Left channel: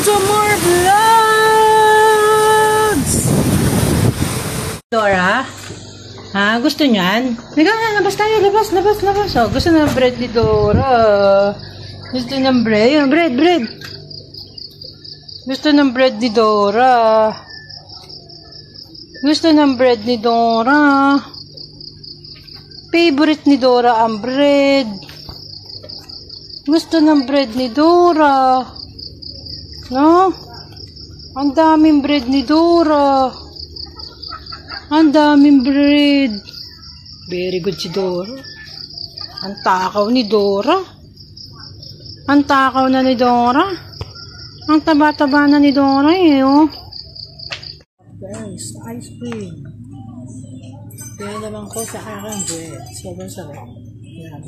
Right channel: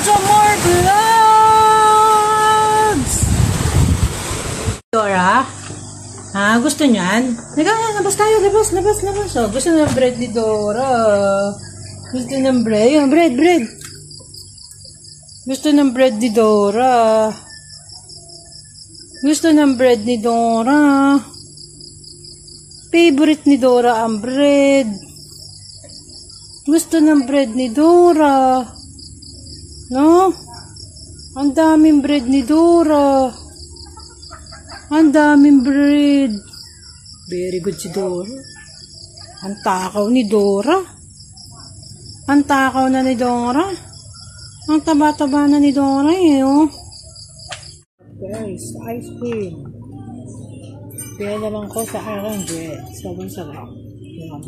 Some more vlogs! Dora? Ha? Gusto niyan? Labas tayo. Labas. Oh, gusto na ng bread ni Dora. Gusto ng bread. Yan, bread. Gusto ng bread ni Dora. Gusto ng bread ni Dora. Favorite ni Dora ang bread. Gusto ng bread ni Dora. No? Ang daming bread ni Dora. Ang daming bread. Very good si Dora. Ang takaw ni Dora. Ang takaw na ni Dora. Ang taba-taba na ni Dora eh, oh. Guys, ice cream. Pinalaman ko sa aking bread. Sobrang sarap. Yan.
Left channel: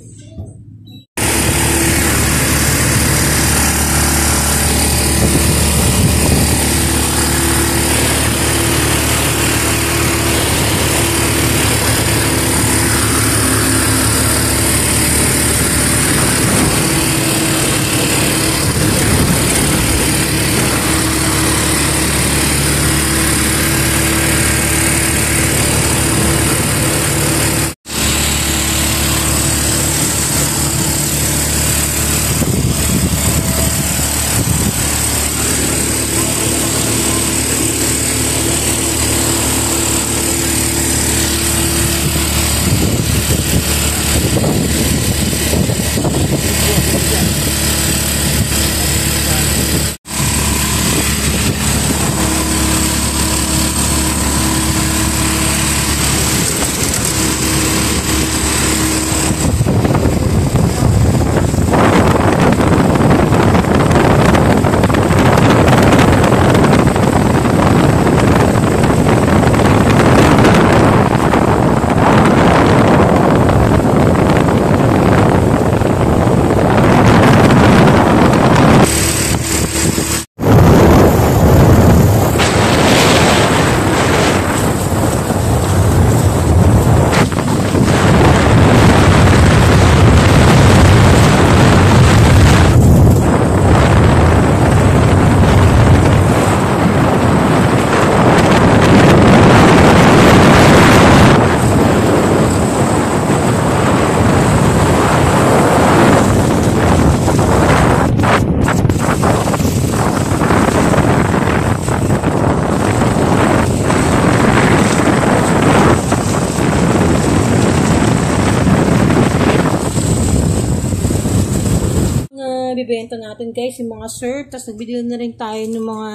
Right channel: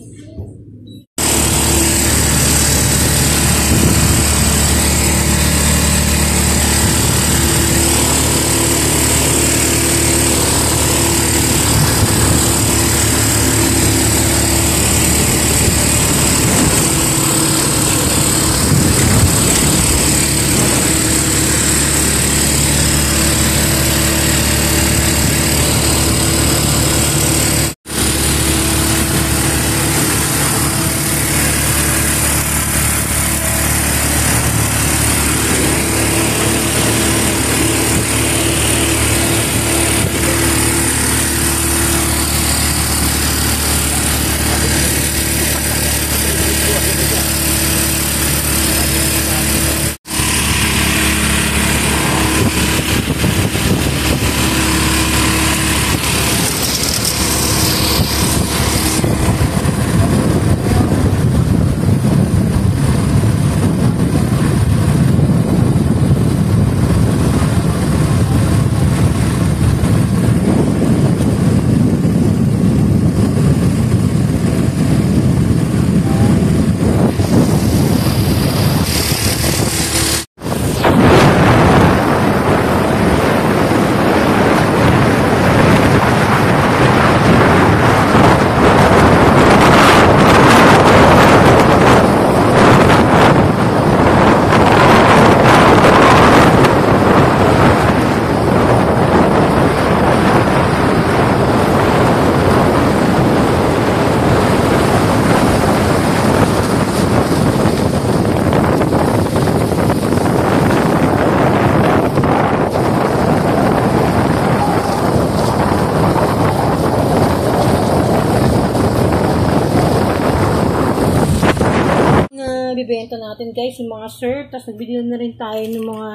Bibenta natin guys yung mga syrup, tapos nagbili na rin tayo ng mga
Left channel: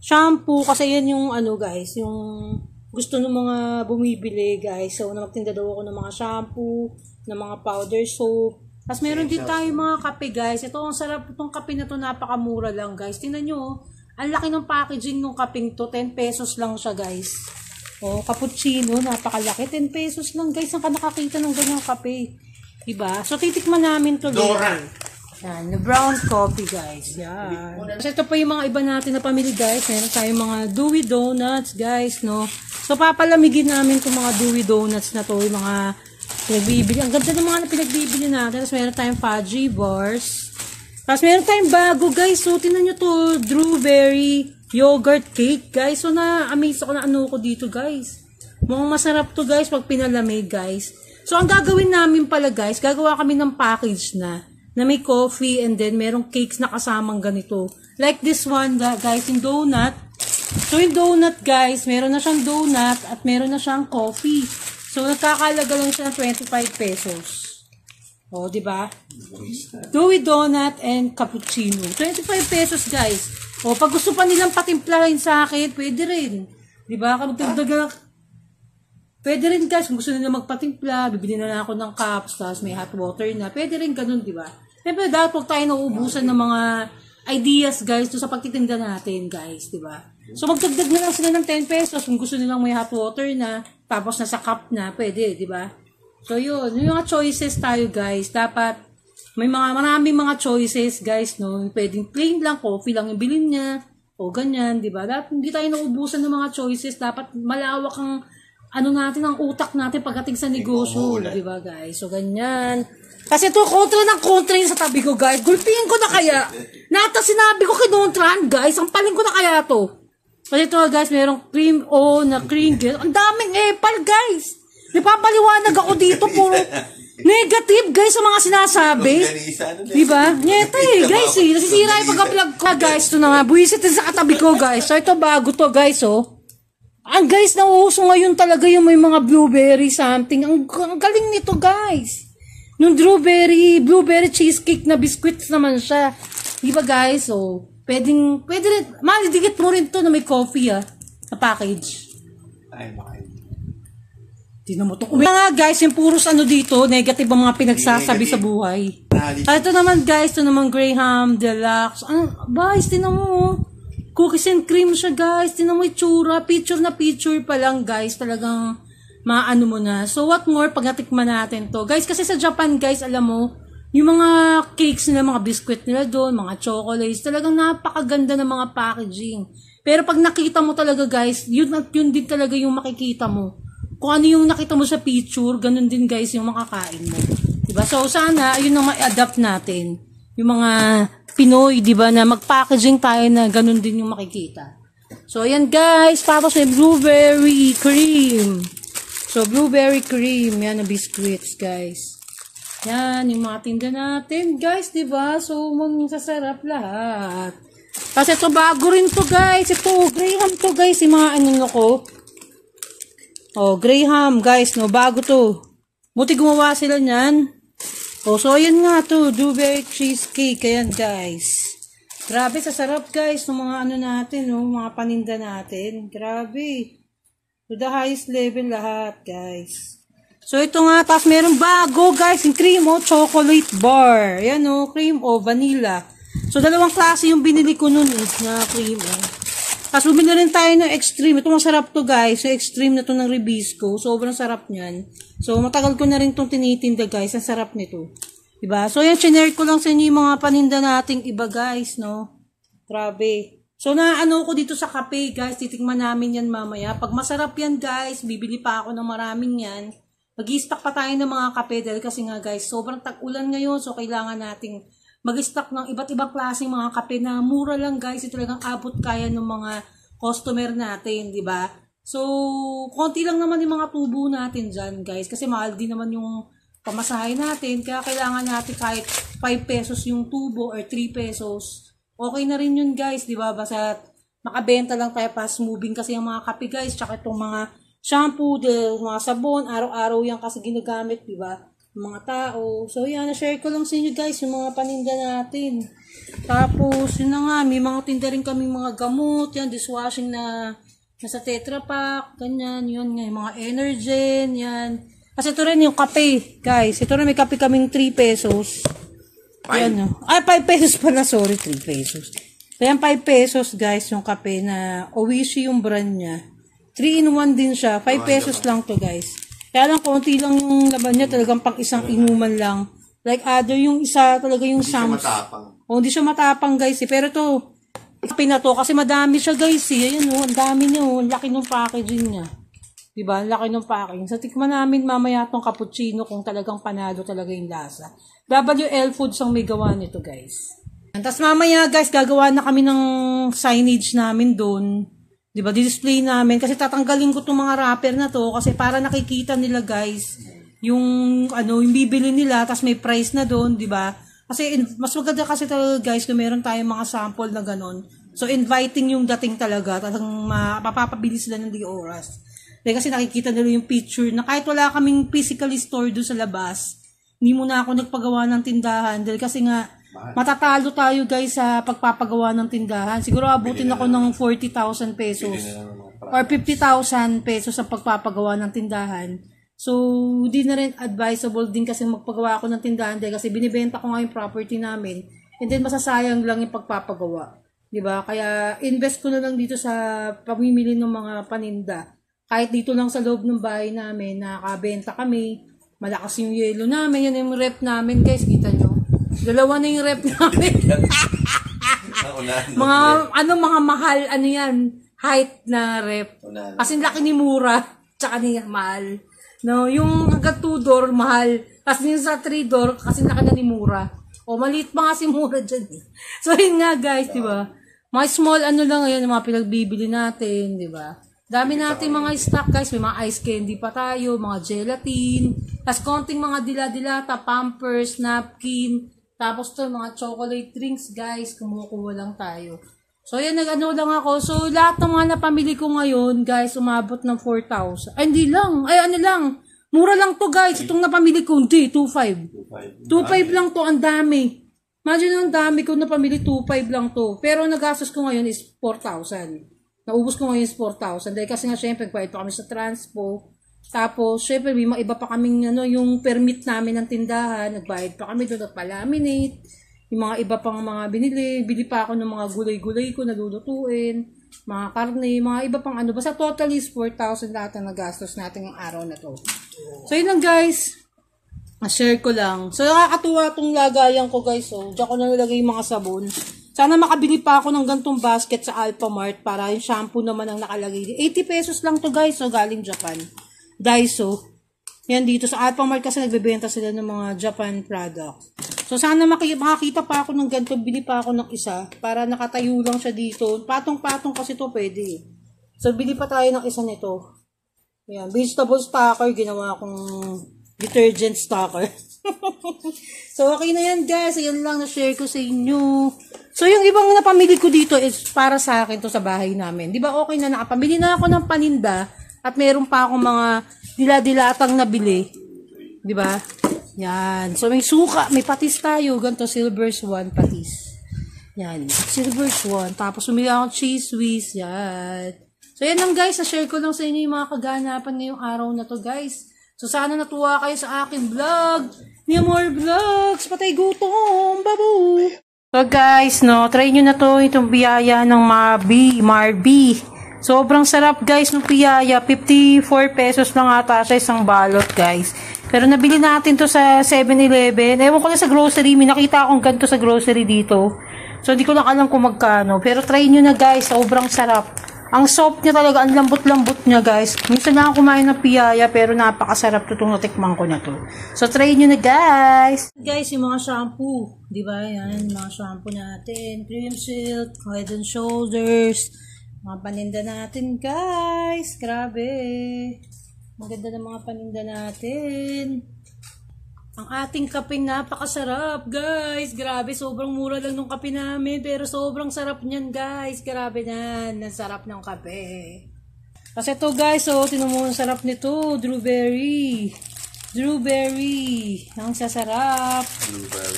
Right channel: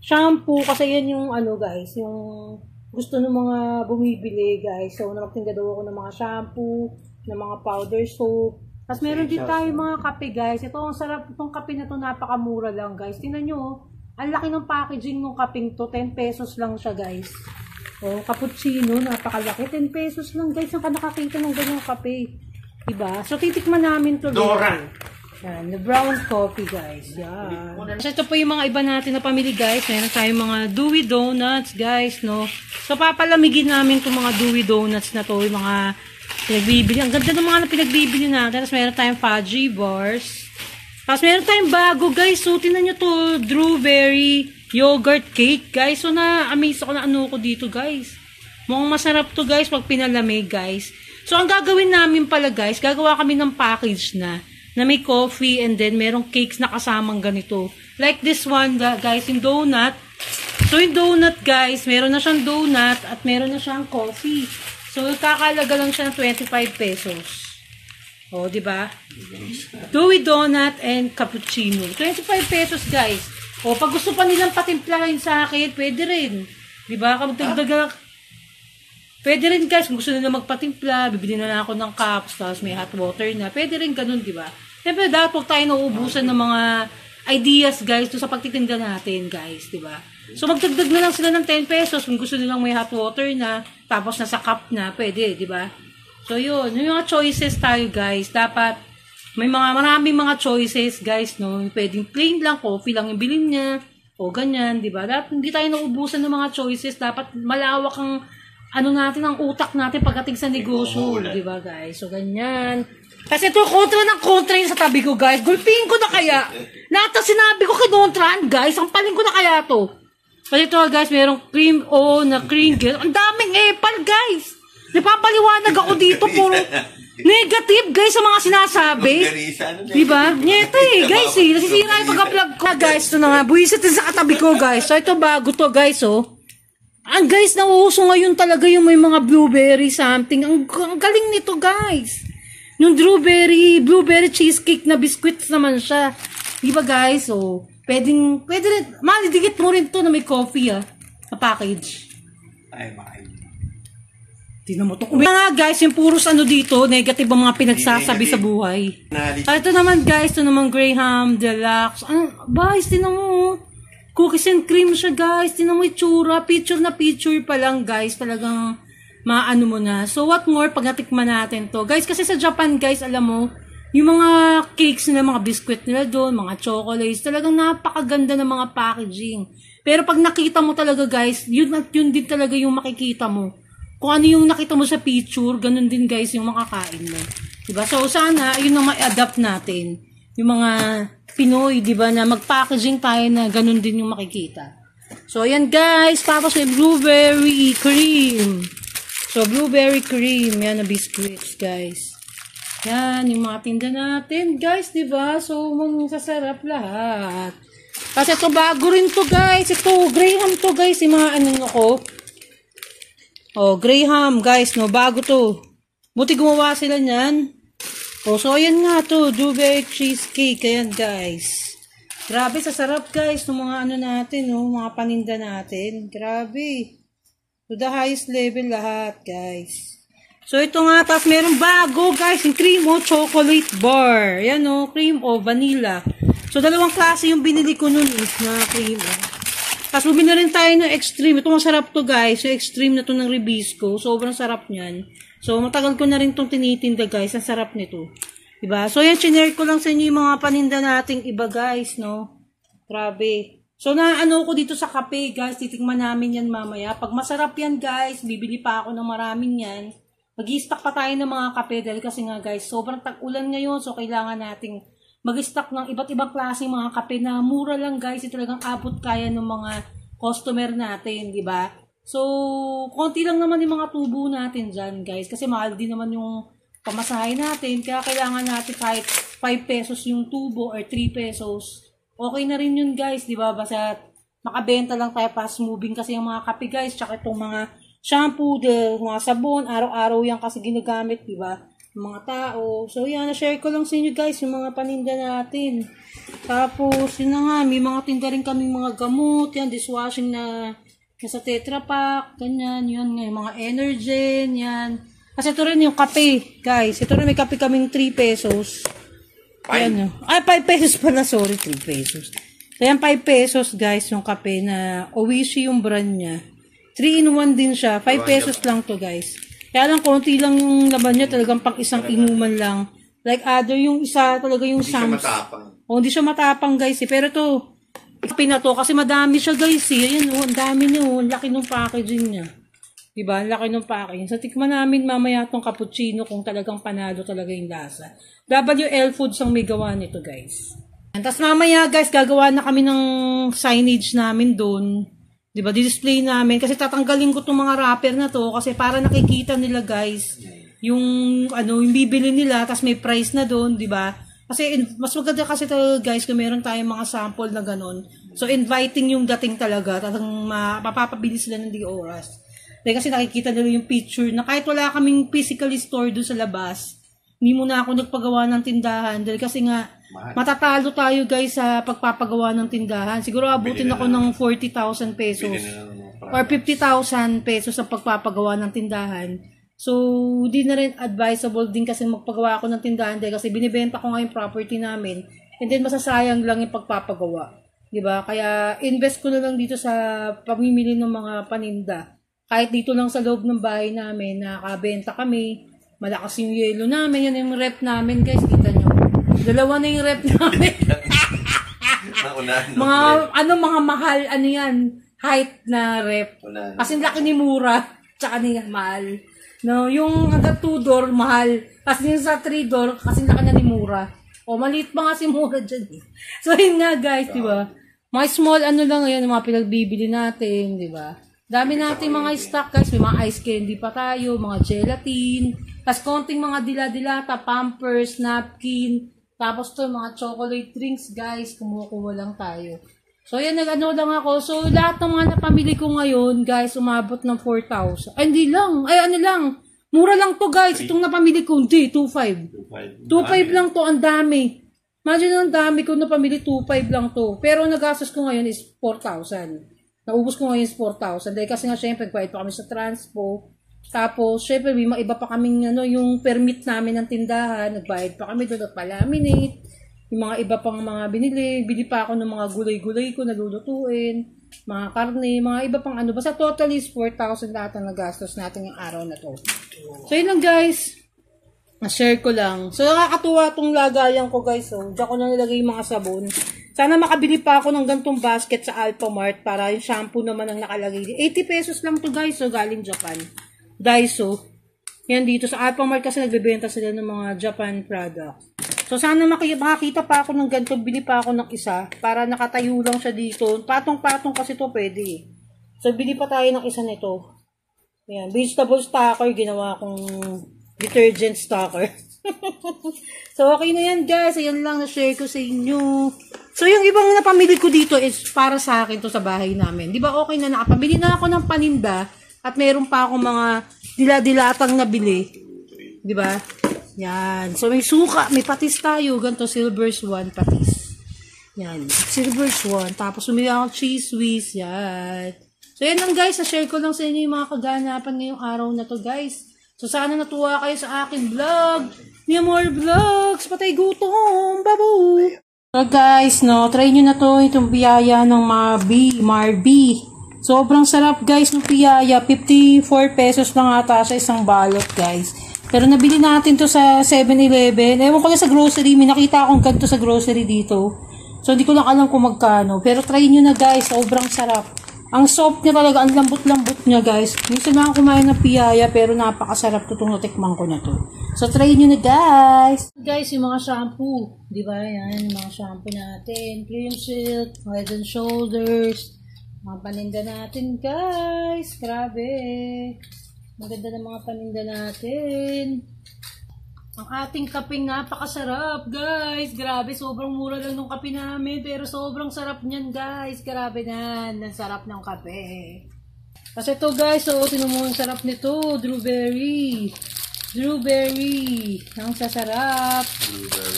shampoo kasi yan yung ano guys, yung gusto ng mga bumibili guys. So magtinda daw ako ng mga shampoo, ng mga powder soap, tapos meron din tayo mga kape guys. Ito ang sarap, itong kape na to napakamura lang guys. Tingnan nyo, ang laki ng packaging ng kapeng to, 10 pesos lang siya guys. Oh, cappuccino, napakalaki, 10 pesos lang guys. Ang ka nakakita ng ganyang kape, diba? So titikman namin to later. Yan, the brown coffee guys. Yan. So ito po yung mga iba natin na pamili guys. Meron tayong mga Dewey Donuts guys, no. So papalamigin namin itong mga Dewey Donuts na to, yung mga pinagbibili. Ang ganda ng mga na pinagbibili natin. Tapos meron tayong fudgy bars. Tapos meron tayong bago guys. So tinan nyo to, Drewberry yogurt cake guys. So na-amaze ako na ano ko dito guys. Mukhang masarap to guys pag pinalamig guys. So ang gagawin namin pala guys, gagawa kami ng package na may coffee and then merong cakes na kasamang ganito. Like this one guys, yung donut. So yung donut guys, meron na siyang donut at meron na siyang coffee. So kakalaga lang siya ng 25 pesos. O, diba? Dewey donut and cappuccino. 25 pesos guys. O, pag gusto pa nilang patimplahin sa akin, pwede rin. Diba? Pwede rin guys, kung gusto nila magpatimpla, bibili na lang ako ng cups, tapos may hot water na. Pwede rin ganun, diba? Siyempre, dapat huwag tayo nauubusan ng mga ideas, guys, sa pagtitinda natin, guys, diba? So, magdagdag na lang sila ng 10 pesos kung gusto nilang may hot water na, tapos nasa cup na, pwede, diba? So, yun. Yung mga choices tayo, guys. Dapat, maraming mga choices, guys, no? Pwedeng plain lang, coffee lang yung bilhin niya, o ganyan, diba? Dapat hindi tayo nauubusan ng mga choices. Dapat malawak ang ano natin, ang utak natin pagdating sa negosyo. Di ba guys? So, ganyan. Kasi ito, kontra yun sa tabi ko, guys. Gulpiin ko na kaya. Lahat na sinabi ko kinontrahan, guys. Ang paling ko na kaya to. Kasi ito, guys, merong cream na cream. Ang daming epal, guys. Napapaliwanag ako dito. Puro negative, guys, sa mga sinasabi. Diba? Nyeta guys, nasisira yung pagka-vlog ko. Guys, ito na nga. Buwisit din sa katabi ko, guys. So, ito bago to, guys, oh. Ang guys, nauuso ngayon talaga yung may mga blueberry something. Ang galing nito, guys. Yung blueberry cheesecake na biscuits naman siya. Diba, guys? So, pwede rin. Malidikit mo rin to na may coffee, na package. Ay, bakit? Tingnan mo to. Mga guys, yung puros dito, negative ang mga pinagsasabi sa buhay. Ito naman, guys, ito naman Graham Deluxe. Guys, tingnan mo. Cookies and cream siya, guys. Tingnan mo itsura. Picture na picture pa lang, guys. Talagang maano mo na. So, what more pag natikman natin to? Guys, kasi sa Japan, guys, alam mo, yung mga cakes nila, mga biscuit nila doon, mga chocolates, talagang napakaganda ng mga packaging. Pero pag nakita mo talaga, guys, yun din talaga yung makikita mo. Kung ano yung nakita mo sa picture, ganun din, guys, yung makakain mo. Diba? So, sana, yun ang ma-adapt natin. Yung mga Pinoy, diba, na mag-packaging tayo na ganun din yung makikita. So, ayan, guys. Tapos may blueberry cream. So, blueberry cream. Yan na biscuits, guys. Yan, yung mga tinda natin, guys, diba? So, magsasarap lahat. Kasi ito, bago rin to, guys. Ito, Graham to, guys. Yung mga ko. Oh, Graham, guys, no, bago to. Buti gumawa sila niyan. Oh, so, ayan nga to, blueberry cheesecake. Ayan, guys. Grabe, sasarap, guys, ng mga natin, no, mga paninda natin. Grabe. To the highest level lahat, guys. So, ito nga, tapos meron bago, guys, yung cream o chocolate bar. Ayan, no, cream o vanilla. So, dalawang klase yung binili ko nun, na cream, Tapos bumili rin tayo ng extreme. Ito masarap to, guys. Yung extreme na to ng Ribisco. Sobrang sarap niyan. So, matagal ko na rin itong tinitinda, guys. Ang sarap nito. Diba? So, yan, sinare ko lang sa inyo yung mga paninda nating iba, guys, no? Grabe. So, ko dito sa kape, guys. Titikman namin yan mamaya. Pag masarap yan, guys, bibili pa ako ng maraming yan. Mag-i-stock pa tayo ng mga kape. Dahil kasi nga, guys, sobrang tag-ulan ngayon. So, kailangan nating mag-stock ng iba't ibang klaseng mga kape na mura lang, guys. Ito talagang abot kaya ng mga customer natin, di ba? So, konti lang naman yung mga tubo natin dyan, guys. Kasi mahal din naman yung pamasahe natin. Kaya kailangan natin kahit 5 pesos yung tubo or 3 pesos. Okay na rin yun, guys, di ba? Basta makabenta lang tayo fast moving kasi yung mga kape, guys. Tsaka itong mga shampoo, mga sabon, araw-araw yan kasi ginagamit, di ba? Mga tao. So, yan, na-share ko lang sa inyo, guys, yung mga paninda natin. Tapos, yun na nga, may mga tinda rin kaming mga gamot, yan, dishwashing na nasa Tetra Pak, ganyan, yun nga, mga Energen, yan. Kasi ito rin yung kape, guys. Ito rin, may kape kaming 3 pesos. Yan, yun. Ay, 5 pesos pala, sorry, 3 pesos. So, yan, 5 pesos, guys, yung kape na Oishi yung brand niya. 3-in-1 din siya, 5 pesos lang to, guys. Kaya lang, konti lang yung laban niya, talagang pang isang inuman lang. Like other, yung isa talaga yung Sam's. Hindi siya matapang, guys. Pero to, kape na to, kasi madami siya, guys. Ayan, ang dami niya, ang laki ng packaging niya. Diba? Ang laki ng packaging. Sa tikman namin mamaya tong cappuccino kung talagang panalo talaga yung lasa. WL Foods ang may gawa nito, guys. Tapos mamaya, guys, gagawa na kami ng signage namin doon. Diba, display namin. Kasi tatanggalin ko itong mga wrapper na to. Kasi para nakikita nila, guys, yung bibili nila. Tapos may price na doon, diba? Kasi mas maganda kasi talaga, guys, kung meron tayong mga sample na ganun. So, inviting yung dating talaga. Talagang mapapabili sila ng di oras. Kasi nakikita nila yung picture na kahit wala kaming physically store doon sa labas, hindi muna ako nagpagawa ng tindahan. Dahil kasi nga, matatalo tayo, guys, sa pagpapagawa ng tindahan. Siguro abutin ako ng 40,000 pesos or 50,000 pesos sa pagpapagawa ng tindahan. So, hindi na rin advisable din kasi magpagawa ako ng tindahan dahil kasi binibenta ko nga yung property namin and then masasayang lang yung pagpapagawa. Diba? Kaya, invest ko na lang dito sa pamimili ng mga paninda. Kahit dito lang sa loob ng bahay namin, nakabenta kami. Malakas yung yelo namin. Yan yung rep namin, guys. Kita nyo. Dalawa na yung rep namin. mga mahal, yan, height na rep. Kasi laki ni Mura. tsaka niya mahal. No, yung hanggang 2 door, mahal. Kasi yung sa 3 door, kasi na kanya ni Mura. O, maliit pa nga si Mura dyan eh. So, yun nga guys, di ba? Mga small ano lang ngayon, yung mga pinagbibili natin, di ba? Dami natin mga stock guys, may mga ice candy pa tayo, mga gelatin, tapos konting mga dila-dilata, pampers, napkin, tapos to mga chocolate drinks guys, kumukuha lang tayo. So yan, nag-ano lang ako. So lahat ng mga napamili ko ngayon guys, umabot ng 4,000. Ay hindi lang, ay ano lang, mura lang to guys, itong napamili ko, hindi, 2,500. 2,500 lang to, ang dami. Imagine ang dami ko napamili, 2,500 lang to. Pero nagastos ko ngayon is 4,000. Naubos ko ngayon is 4,000. Dahil kasi nga syempre, bayad pa kami sa transpo. Tapos, syempre, may mga iba pa kaming ano, yung permit namin ng tindahan. Nagbayad pa kami doon, nagpa-laminate. Yung mga iba pang mga binili. Bili pa ako ng mga gulay-gulay ko, nalulutuin. Mga karne, mga iba pang ano. Basta total is 4,000 lahat ang nagastos natin yung araw na to. So, yun lang guys. Share ko lang. So, nakakatuwa itong lagayan ko guys. So, diyan ko na nilagay yung mga sabon. Sana makabili pa ako ng gantong basket sa Alphamart para yung shampoo naman ang nakalagay. 80 pesos lang to guys. So, galing Japan. Daiso. Yan dito sa Alphamart kasi nagbebenta sila ng mga Japan product. So, sana makakita pa ako ng ganito. Bili pa ako ng isa para nakatayo lang siya dito. Patong-patong kasi to pwede. So, bili pa tayo ng isa nito. Yan. Vegetable stocker. Ginawa kong detergent stocker. So, okay na yan guys. Ayan lang na-share ko sa inyo. So, yung ibang napamili ko dito is para sa akin to sa bahay namin. Di ba okay na nakapamili na ako ng paninda at meron pa akong mga dila-dilatang nabili. Di ba? Yan. So, may suka. May patis tayo. Ganito, silver swan patis. Yan. Silver swan. Tapos, umili ako cheese whiz. Yan. So, yan lang guys. Na-share ko lang sa inyo yung mga kaganapan ngayong araw na to guys. So, sana natuwa kayo sa aking vlog. May more vlogs. Patay gutom. Babu! So guys, no, try nyo na to, itong biyaya ng Marby. Sobrang sarap guys ng biyaya. 54 pesos lang ata sa isang balot guys. Pero nabili natin to sa 7-Eleven. Ewan ko na sa grocery. May nakita akong ganito sa grocery dito. So hindi ko lang alam kung magkano. Pero try nyo na guys, sobrang sarap. Ang soft niya talaga, ang lambot-lambot niya guys. Minsan na ako kumain ng piyaya pero napakasarap to itong natikman ko na to. So try nyo na guys. Guys, yung mga shampoo. Diba yan, yung mga shampoo natin. Cream Silk, Head and Shoulders. Mga paninda natin guys. Grabe. Maganda ng mga paninda natin. Ang ating kapeng napakasarap, guys. Grabe, sobrang mura lang ng kape namin. Pero sobrang sarap niyan, guys. Grabe yan. Ang sarap ng kape. Kasi ito, guys, oh, tinan mo ang sarap nito. Drewberry. Drewberry. Ang sasarap.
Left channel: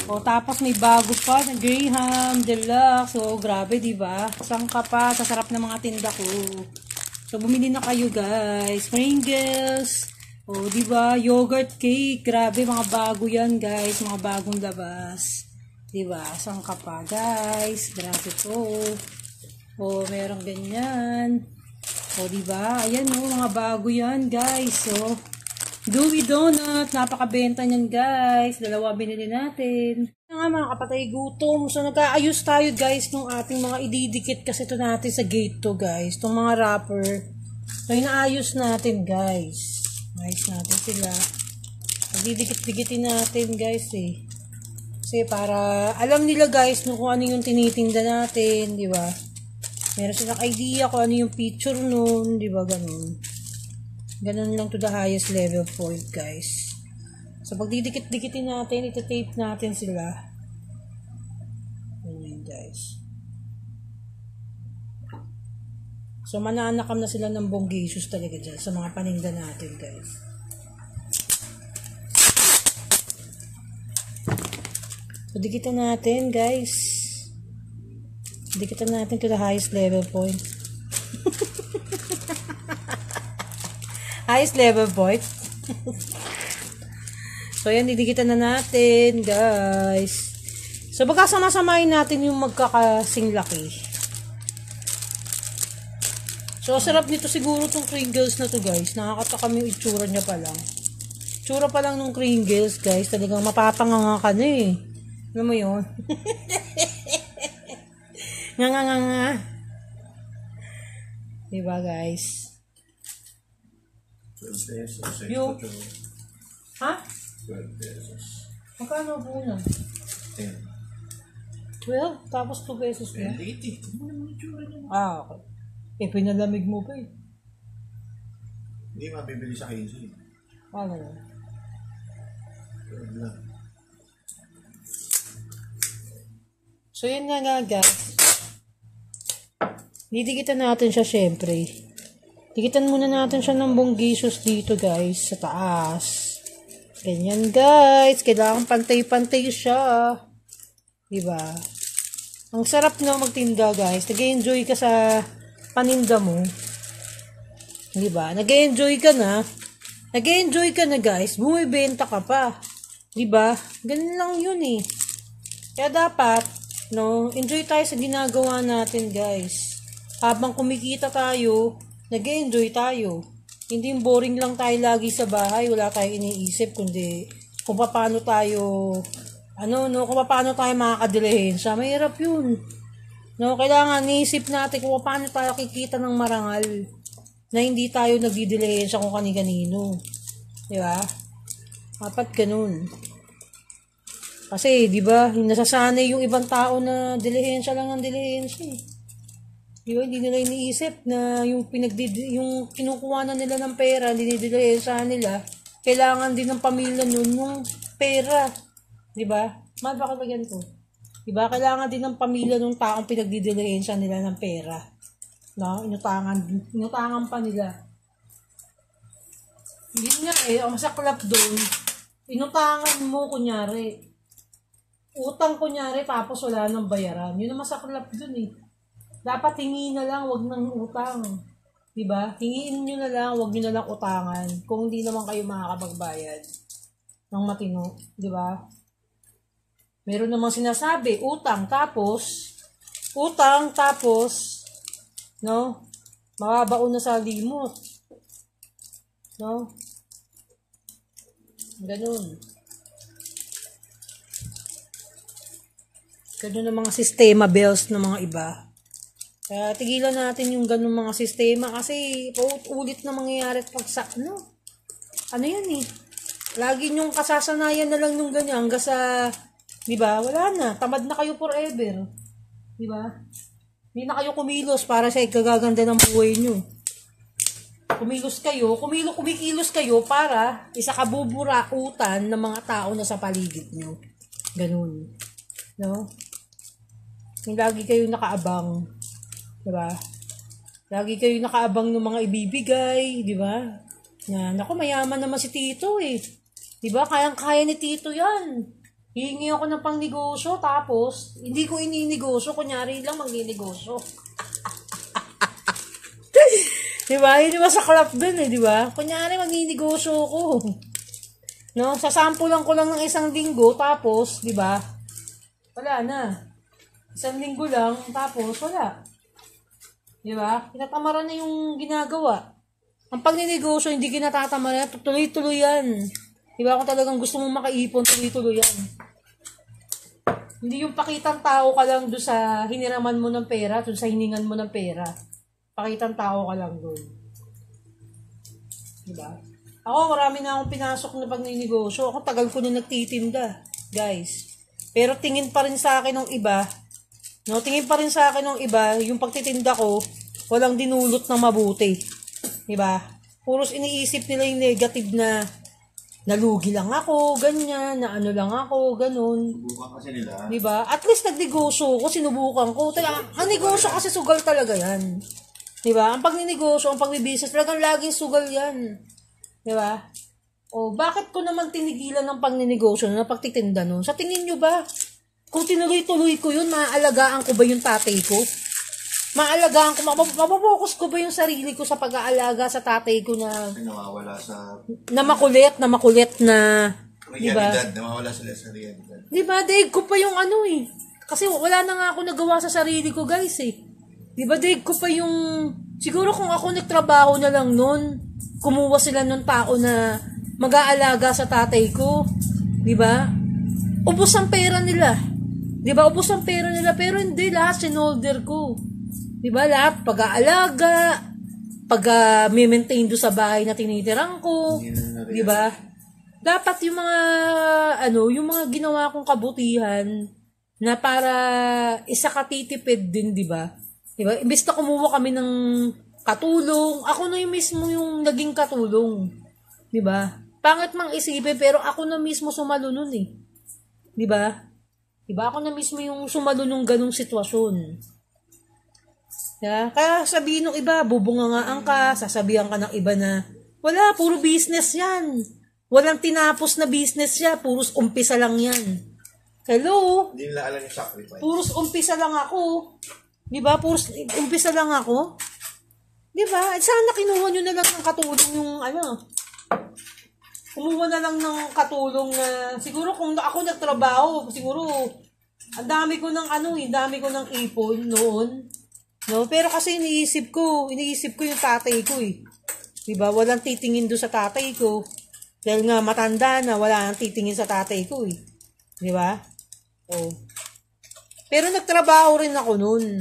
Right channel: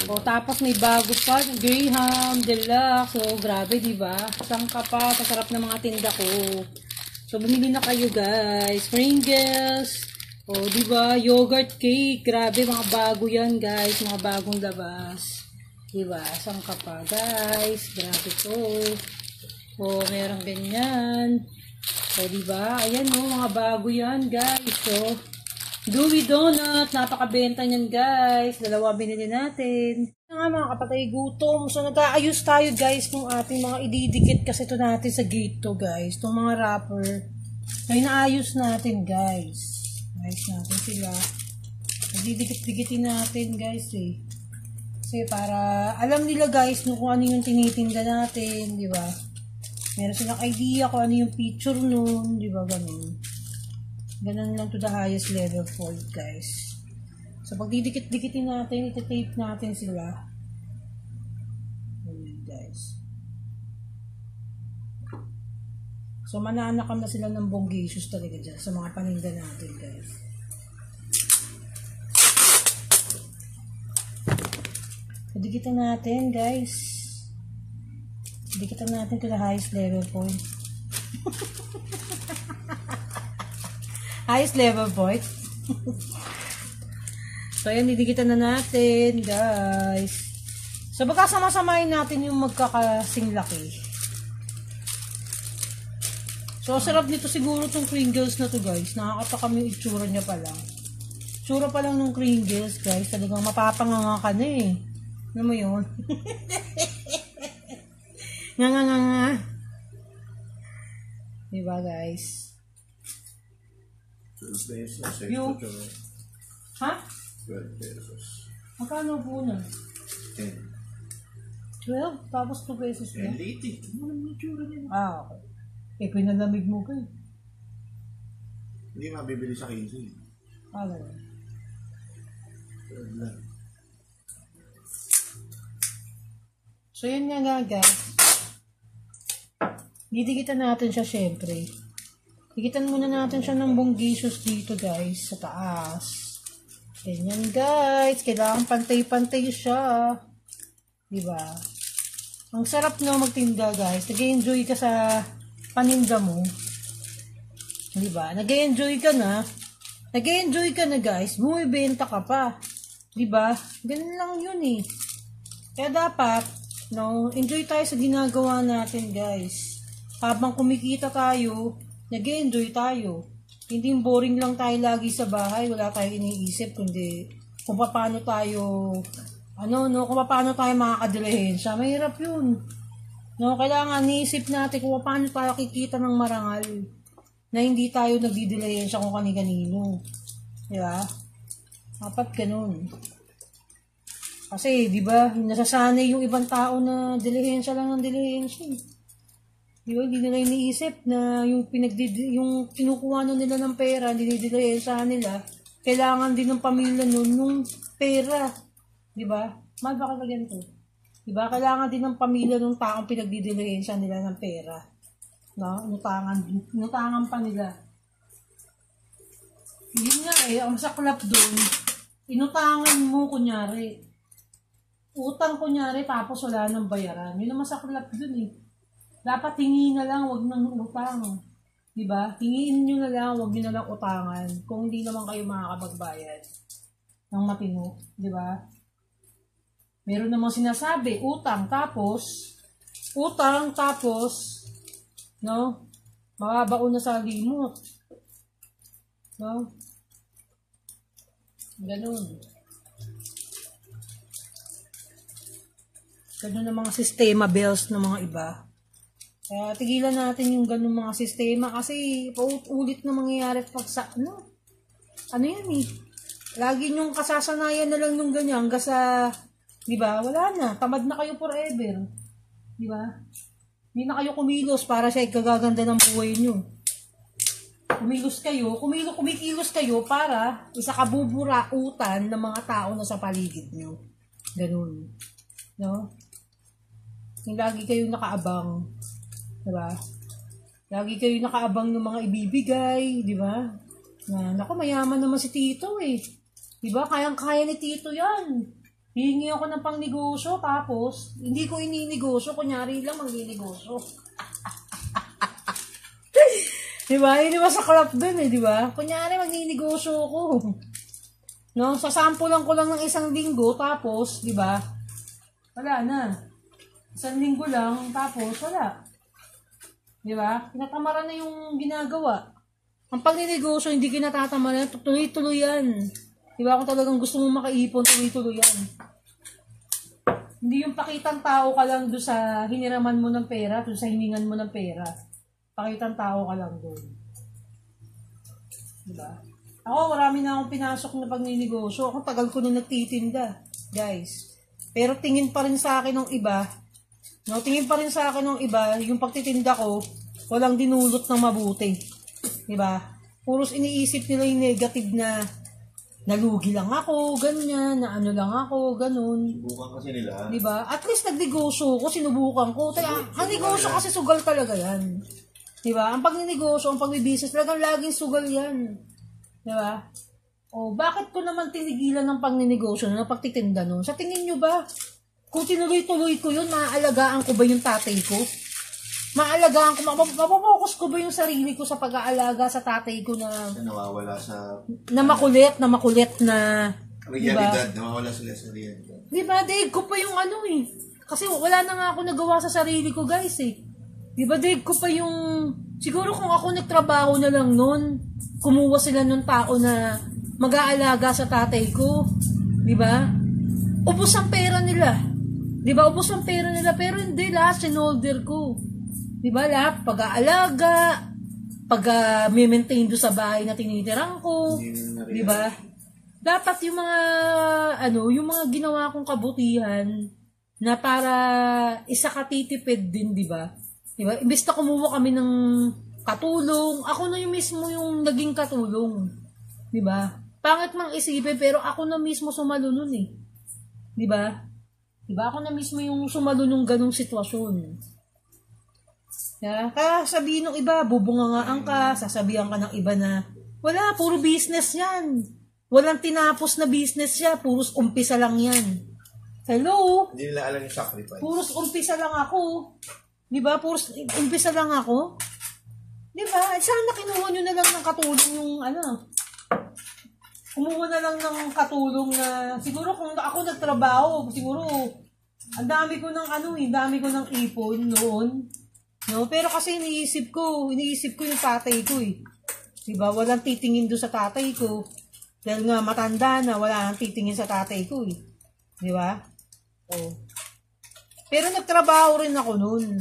O, tapos may bago pa. Graham, Deluxe. So, grabe, diba? Sangka pa. Sasarap ng mga tinda ko. So, bumili na kayo, guys. Pringles. Oh, diba? Yogurt cake. Grabe, mga bago yan, guys. Mga bagong labas. Diba? Saan ka pa, guys? Grabe to. Oh, merong ganyan. Oh, diba? Ayan, oh, mga bago yan, guys. So, Dewy Donut. Napakabenta niyan, guys. Dalawa binili natin. Nga, mga kapatay, gutom. So, nag-aayos tayo, guys, ng ating mga ididikit kasi ito natin sa gate to, guys. Itong mga wrapper. So, inaayos natin, guys. Ayos natin sila. Didikit-dikitin natin guys eh. Kasi para alam nila guys kung ano yung tinitinda natin, di ba? Meron silang idea kung ano yung picture nun, di ba? Ganun. Ganun lang to the highest level point guys. So pag didikit-dikitin natin, iti-tape natin sila. Ganyan guys. So, mananakam na sila ng bonggacious talaga dyan sa mga paninda natin, guys. So, dikitan natin, guys. Dikitan natin to the highest level point. Highest level point. So, ayan, didikitan na natin, guys. So, baka sama-samayin natin yung magkakasing laki. So, sarap nito siguro itong Pringles na to guys. Nakakatakam yung itsura niya pa lang. Itsura pa lang ng Pringles guys. Talagang mapapanganga ka na eh. Alam mo yun? Nga. Diba guys? 12 pesos. Yung- Extra chocolate. Ha? 12 pesos. Magkano po na? 10. Well, tapos 2 pesos na. Late eh. Ano naman yung tsura niya? Okay. Eh, pinalamig mo pa eh. Hindi mabibili sa 15. Ano? 12 lang. So, yun na nga guys. Didikitan natin siya syempre. Dikitan muna natin siya ng bonggisos dito guys. Sa taas. Ganyan guys. Kailangan pantay-pantay siya. Diba? Ang sarap na magtinda guys. Nag-enjoy ka sa paninda mo. Diba? Nag-enjoy ka na. Nag-enjoy ka na guys. Bumibenta ka pa. Diba? Ganun lang yun eh. Kaya dapat, no, enjoy tayo sa ginagawa natin guys. Habang kumikita tayo, nag-enjoy tayo. Hindi boring lang tayo lagi sa bahay, wala tayong iniisip kundi kung paano tayo kung paano tayo makakadilihensya. Mahirap 'yun. No, kailangan niisip natin kung paano tayo kikita ng marangal na hindi tayo nagdidilihensya kung kani-kanino. Di ba? Dapat ganun. Kasi, di ba, nasasanay yung ibang tao na dilihensya lang ng dilihensya eh. Di ba, hindi nila iniisip na yung kinukuha na nila ng pera, dinidilihensya nila, kailangan din ng pamilya nun ng pera. Di ba? Bakit ba ganito? Di ba, kailangan din ng pamilya ng taong pinagdidilihensya nila ng pera. No? Inutangan pa nila. Hindi nga eh, ang masaklap doon, inutangan mo kunyari. Utang kunyari tapos wala nang bayaran. Yun ang masaklap dun eh. Dapat hingi na lang, wag nang utang. Diba? Hingiin nyo na lang, wag nyo na lang utangan. Kung hindi naman kayo makakapagbayad ng matino. Diba? Meron namang sinasabi, utang tapos, no? Mababaon na sa limot. No? Ganun. Ganun ang mga sistema bills ng mga iba. Kaya tigilan natin yung ganun mga sistema kasi paulit na mangyayari pag sa ano yan eh. Lagi nyong kasasanayan na lang yung ganyan hanggang sa, di ba, wala na. Tamad na kayo forever. Di ba? Hindi na kayo kumilos para sa ikagaganda ng buhay nyo. Kumikilos kayo para isakabuburautan ng mga tao na sa paligid nyo. Ganun. No? Yung lagi kayo nakaabang. Diba? Lagi kayo nakaabang ng mga ibibigay. Diba? Na, naku, mayaman naman si Tito eh. Diba? Kayang-kaya ni Tito yan. Hihingi ako ng pangnegosyo, tapos, hindi ko ininegosyo. Kunyari lang magninegosyo. Diba? Yun naman sa club dun eh, diba? Kunyari magninegosyo ko. No? Sasampulan ko lang ng 1 linggo, tapos, diba? Wala na. 1 linggo lang, tapos wala. Diba? Kinatamaran na yung ginagawa. Ang pagninegosyo, hindi kinatatamaran, tuloy-tuloy yan. Diba? Kung talagang gusto mong makaipon, tuloy-tuloy yan. Hindi yung pakitang tao ka lang doon sa hiniraman mo ng pera, doon sa hiningan mo ng pera. Pakitang tao ka lang doon. Diba? Ako, marami na akong pinasok na pagninegosyo. Ako, tagal ko na nagtitinda. Guys. Pero tingin pa rin sa akin ng iba, no, tingin pa rin sa akin ng iba, yung pagtitinda ko, walang dinulot na mabuti. Diba? Puros iniisip nila yung negative na nalugi lang ako, ganyan, na ano lang ako, ganun. Subukan kasi nila. Diba? At least nagnegosyo ko, sinubukan ko. Ang negosyo kasi sugal talaga yan. Diba? Ang pagninegosyo, ang pagbibusiness, talagang laging sugal yan. Diba? O, bakit ko naman tinigilan ng pagninegosyo na pagtitinda no? Sa tingin nyo ba, kung tinuloy-tuloy ko yun, maaalagaan ko ba yung tatay ko? Maalagaan ko, mapapokus ko ba yung sarili ko sa pag-aalaga sa tatay ko na nawawala sa na makulit na realidad, nawawala sila sa realidad. Diba, daig ko pa yung ano eh. Kasi wala na nga ako nagawa sa sarili ko guys eh. Diba, daig ko pa yung, siguro kung ako nagtrabaho na lang nun, kumuha sila nung tao na mag-aalaga sa tatay ko. Diba? Ubus ang pera nila. Diba? Ubus ang pera nila. Pero hindi, lahat sinolder ko. Diba? Lahat pag-aalaga. maintain do sa bahay na tinitirahan ko, di ba? Dapat yung mga yung mga ginawa kong kabutihan na para isa katitipid din, di ba? Di ba? Imbes na kumuha kami ng katulong, ako na yung mismo yung naging katulong. Di ba? Pangit mang isipin, pero ako na mismo sumalo nun eh. Di ba? Di ba? Ako na mismo yung sumalo nung ganung sitwasyon. Yeah? Kaya sabihin ng iba, bubungangaan ka, sasabihan ka ng iba na, wala, puro business yan. Walang tinapos na business siya, puros umpisa lang yan. Hello? Hindi nila alam yung sacrifice. Puros umpisa lang ako. Di ba? Puros umpisa lang ako. Di ba? Sana kinuha nyo na lang ng katulong yung kumuha na lang ng katulong na, siguro kung ako nagtrabaho, siguro, ang dami ko ng ipon noon. No? Pero kasi iniisip ko yung tatay ko eh. Di ba? Walang titingin doon sa tatay ko. Dahil nga matanda na, wala nang titingin sa tatay ko eh. Di ba? Oh. Pero nagtrabaho rin ako noon.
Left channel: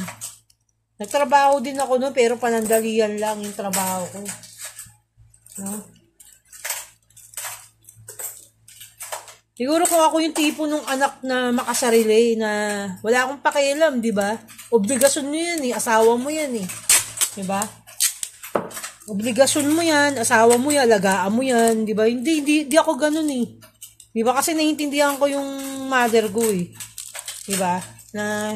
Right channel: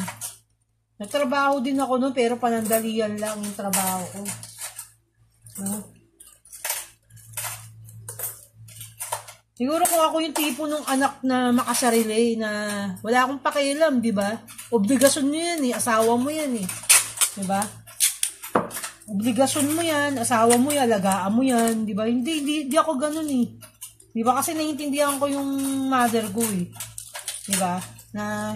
Nagtrabaho din ako noon, pero panandalian lang yung trabaho ko. No? Siguro kung ako yung tipo ng anak na makasarili, na wala akong pakialam, di ba? Obligasyon mo yan eh, asawa mo yan eh. Di ba? Obligasyon mo yan, asawa mo yan, alagaan mo yan, di ba? Hindi ako ganun eh. Di ba? Kasi naiintindihan ko yung mother ko eh. Di ba? Na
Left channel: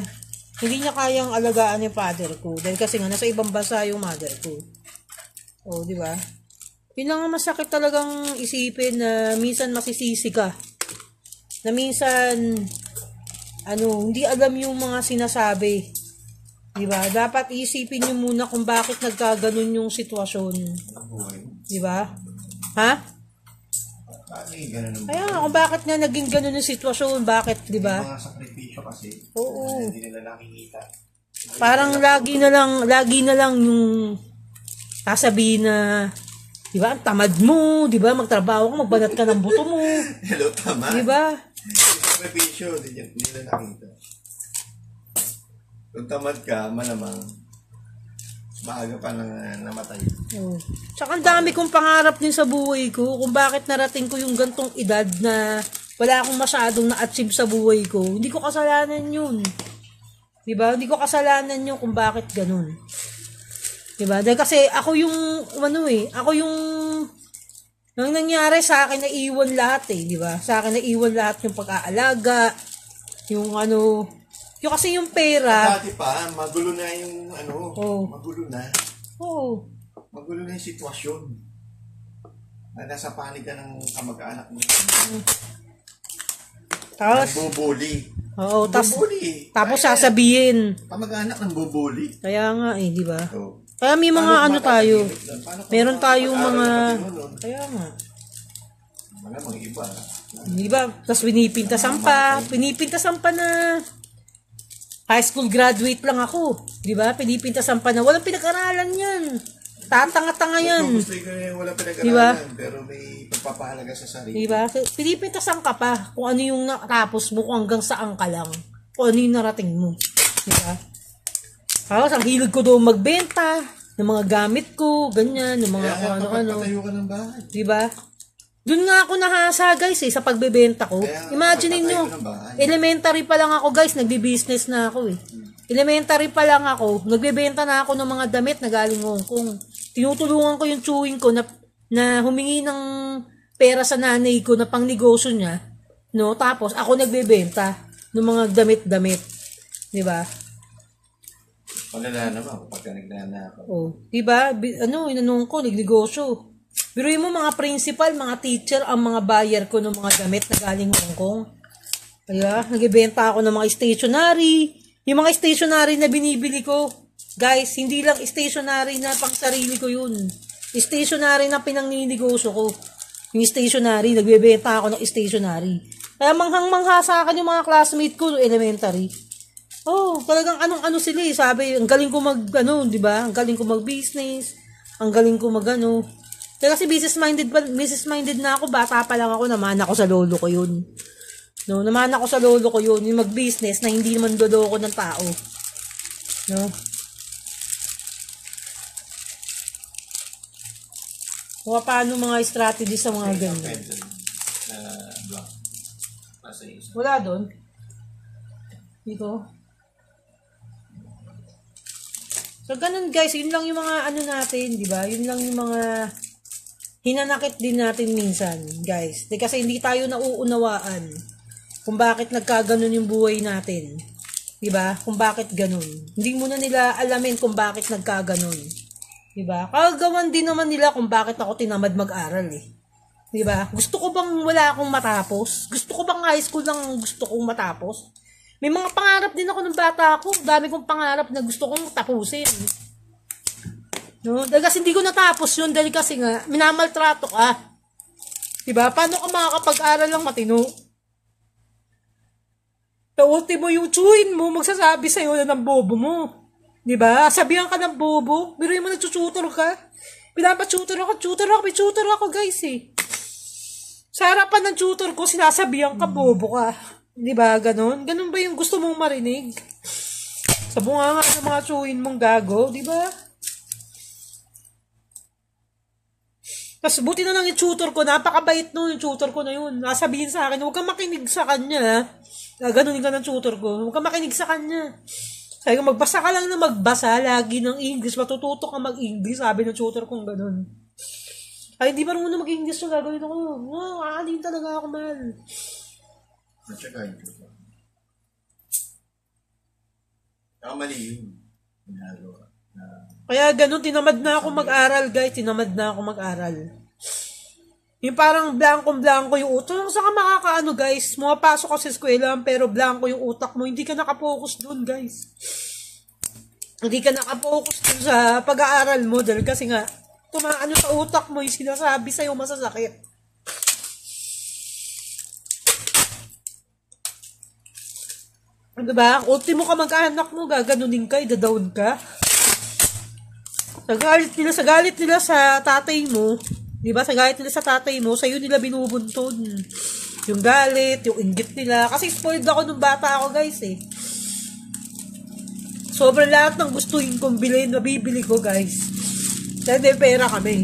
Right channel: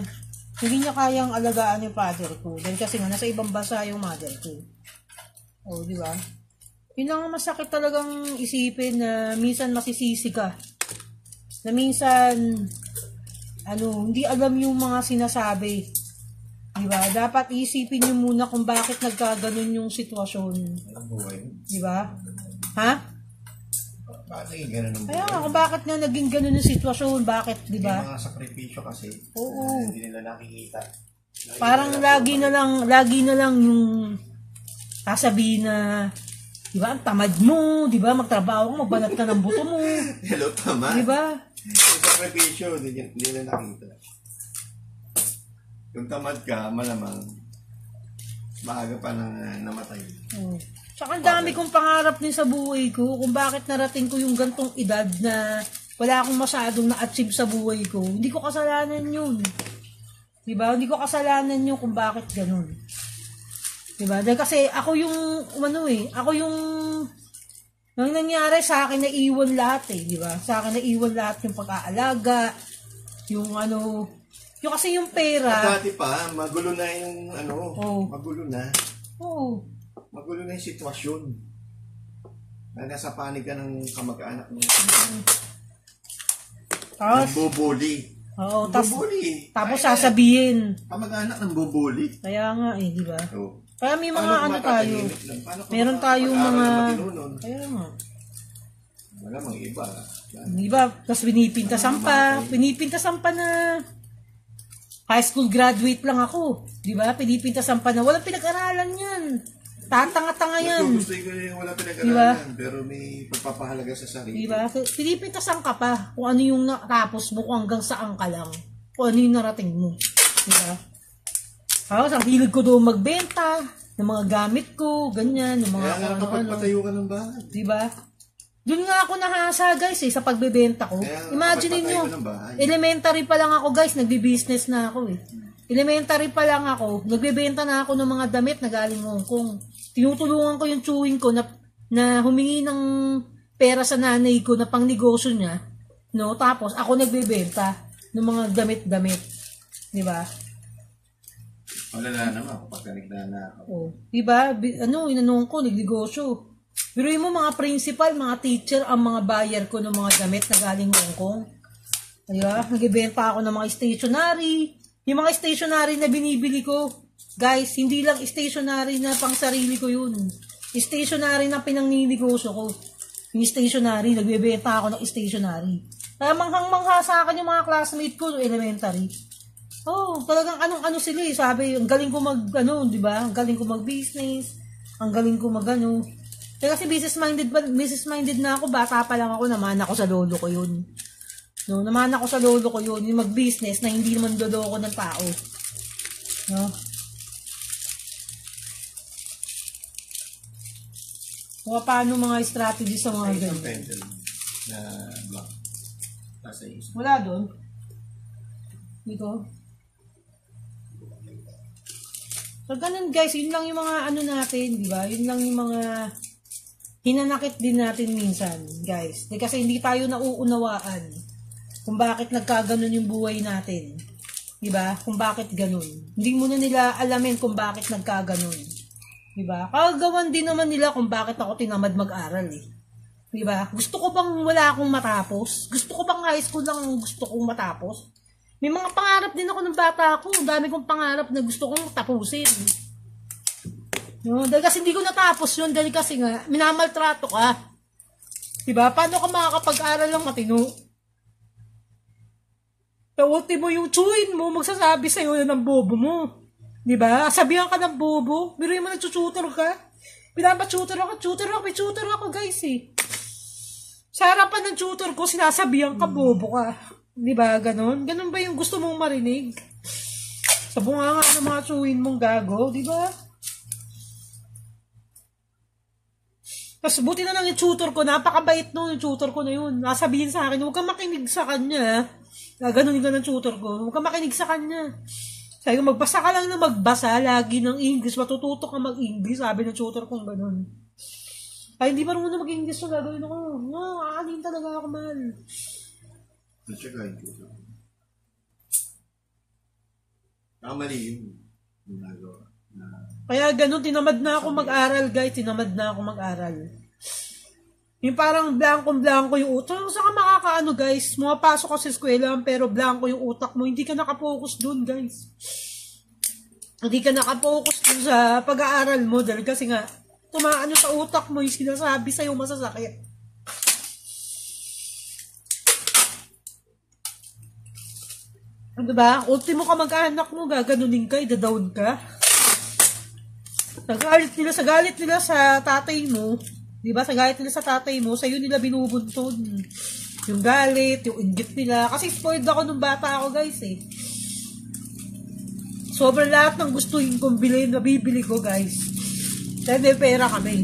hindi niya kayang alagaan yung father ko. Dahil kasi nga, nasa ibang bansa yung mother ko. O, di ba? Yun lang ang masakit talagang isipin na minsan masisisi ka. Na minsan, hindi alam yung mga sinasabi. Diba? Dapat isipin nyo muna kung bakit nagkaganon yung sitwasyon. Diba? Ha? Bakit ganun ang buhay? Kaya nga, kung bakit nga naging ganon yung sitwasyon, bakit, diba? Yung mga sakripisyo kasi, oo. Hindi nila nakikita. Parang lagi na lang yung sasabihin na, diba, tamad mo, diba, magtrabaho ka, magbanat ka ng buto mo. Hello, tamad. Diba? Yung sakripisyo, hindi nila nakikita. Kung tamad ka, malamang maaga pa nang namatay. Oh. Tsaka ang dami kong pangarap din sa buhay ko kung bakit narating ko yung gantong edad na wala akong masyadong na-achieve sa buhay ko. Hindi ko kasalanan yun. Diba? Hindi ko kasalanan yun kung bakit ganun. Diba? Dahil kasi ako yung, ako yung, nang nangyari sa akin na iwan lahat eh. Diba? Sa akin na iwan lahat yung pag-aalaga, yung yung kasi yung pera. Dati pa, magulo na yung magulo na. Oo. Magulo na yung sitwasyon. Na nasa panig ka ng kamag-anak mo. Tapos, bubuli. Oo, tapos Kaya, sasabihin. Kamag-anak ng bubuli. Kaya nga eh, di ba? Oo. Kaya may mga tayo. Meron tayong mga, kaya nga. Malamang iba. Di ba? Tapos pinipintasan pa na high school graduate lang ako. Di ba? Pinipintasan pa na walang pinag-aralan yan. Tatanga-tanga yan. Gusto ko yung walang pinag-aralan, diba? Pero may pagpapahalaga sa sarili. Di ba? Pinipintasan ka pa kung ano yung natapos mo, kung hanggang saan ka lang. Kung ano yung narating mo. Di ba? Tapos ang hilig ko doon magbenta ng mga gamit ko, ganyan, ng mga ano-ano. Patayo ka ng bahay. Di ba? Doon nga ako nahasa guys sa pagbebenta ko. Imagine niyo, elementary pa lang ako guys, nagbi-business na ako eh. Elementary pa lang ako, nagbebenta na ako ng mga damit na galing Hong Kong. Tinutulungan ko yung chewing ko na humingi ng pera sa nanay ko na pangnegosyo niya. No? Tapos ako nagbebenta ng mga damit-damit. Di ba? Malala naman kapag nagnana ako. Oh, di ba? Inanong ko, nagnegosyo. Biruin mo mga principal, mga teacher, ang mga buyer ko ng mga gamit na galing Hong Kong. Kaya, nagbebenta ako ng mga stationery. Yung mga stationery na binibili ko, guys, hindi lang stationery na pang sarili ko yun. Stationery na pinangninegosyo ko. Yung stationery, nagbebenta ako ng stationery. Kaya manghang-mangha sa akin yung mga classmate ko, elementary. Oh, talagang anong-ano sila eh. Sabi, ang galing ko di ba? Ang galing ko mag-business. Ang galing ko Kaya kasi business-minded na ako. Bata pa lang ako, naman ako sa lolo ko yun. No, naman ako sa lolo ko yun. Yung mag-business na hindi naman loloko ng tao. No? Kung paano mga strategy sa mga Ay, ang ganyan. pencil na block. Nasa isa. Wala doon. Dito. So, ganun guys. Yun lang yung mga ano natin, di ba? Yun lang yung mga hinanakit din natin minsan, guys. Kasi hindi tayo nauunawaan kung bakit nagkaganon yung buhay natin. Di ba? Kung bakit ganun. Hindi mo na nila alamin kung bakit nagkaganon. Di ba? Kagawan din naman nila kung bakit ako tinamad mag-aral eh. Di ba? Gusto ko bang wala akong matapos? Gusto ko bang high school lang ang gusto kong matapos? May mga pangarap din ako ng bata ako. Dami kong pangarap na gusto kong tapusin. No? Dahil kasi hindi ko natapos yun. Dahil kasi nga, minamaltrato ka. Diba? Paano ka makakapag-aral lang matino? Ultimo yung chewin mo, magsasabi sa'yo ng bobo mo. Diba? Sabihan ka ng bobo. Pero yung nagtututor ka. Pinapatutor ako guys eh. Sa harapan ng tutor ko, sinasabihan ka, bobo ka. Diba? Ganon? Ganon ba yung gusto mong marinig? Sa bunga nga ng mga chewin mong gago, diba? Tapos buti na lang yung tutor ko, napakabait no yung tutor ko na yun. Nasabihin sa akin, huwag kang makinig sa kanya. Ganunin ka ng tutor ko, huwag kang makinig sa kanya. Sabi ko, magbasa ka lang na magbasa lagi ng English, matututo ka mag-English, sabi ng tutor ko ganun. Ay, hindi pa rin muna mag-English so gagawin ako. No, aalin talaga ako, man. At saka yung tutor. Saka mali yun. Ginagawa. Kaya ganun, tinamad na ako mag-aral, guys. Tinamad na ako mag-aral. Yung parang blanco-blanco yung utak. Saka makakaano, guys. Mapasok ka sa eskwela, pero blanco yung utak mo. Hindi ka nakapokus dun, guys. Hindi ka nakapokus dun sa pag-aaral mo. Dahil kasi nga, tumaano sa utak mo yung sinasabi sa'yo masasakit. Diba? Ultimo ka mag-anak mo, gaganunin ka, idadawn ka. Sa galit nila sa tatay mo, di ba? Sa galit nila sa tatay mo, sa'yo nila binubuntun. Yung galit, yung inggit nila. Kasi spoiled ako nung bata ako, guys, eh. Sobrang lahat ng gustuhin kong bilhin, nabibili ko, guys. Dahil may pera kami.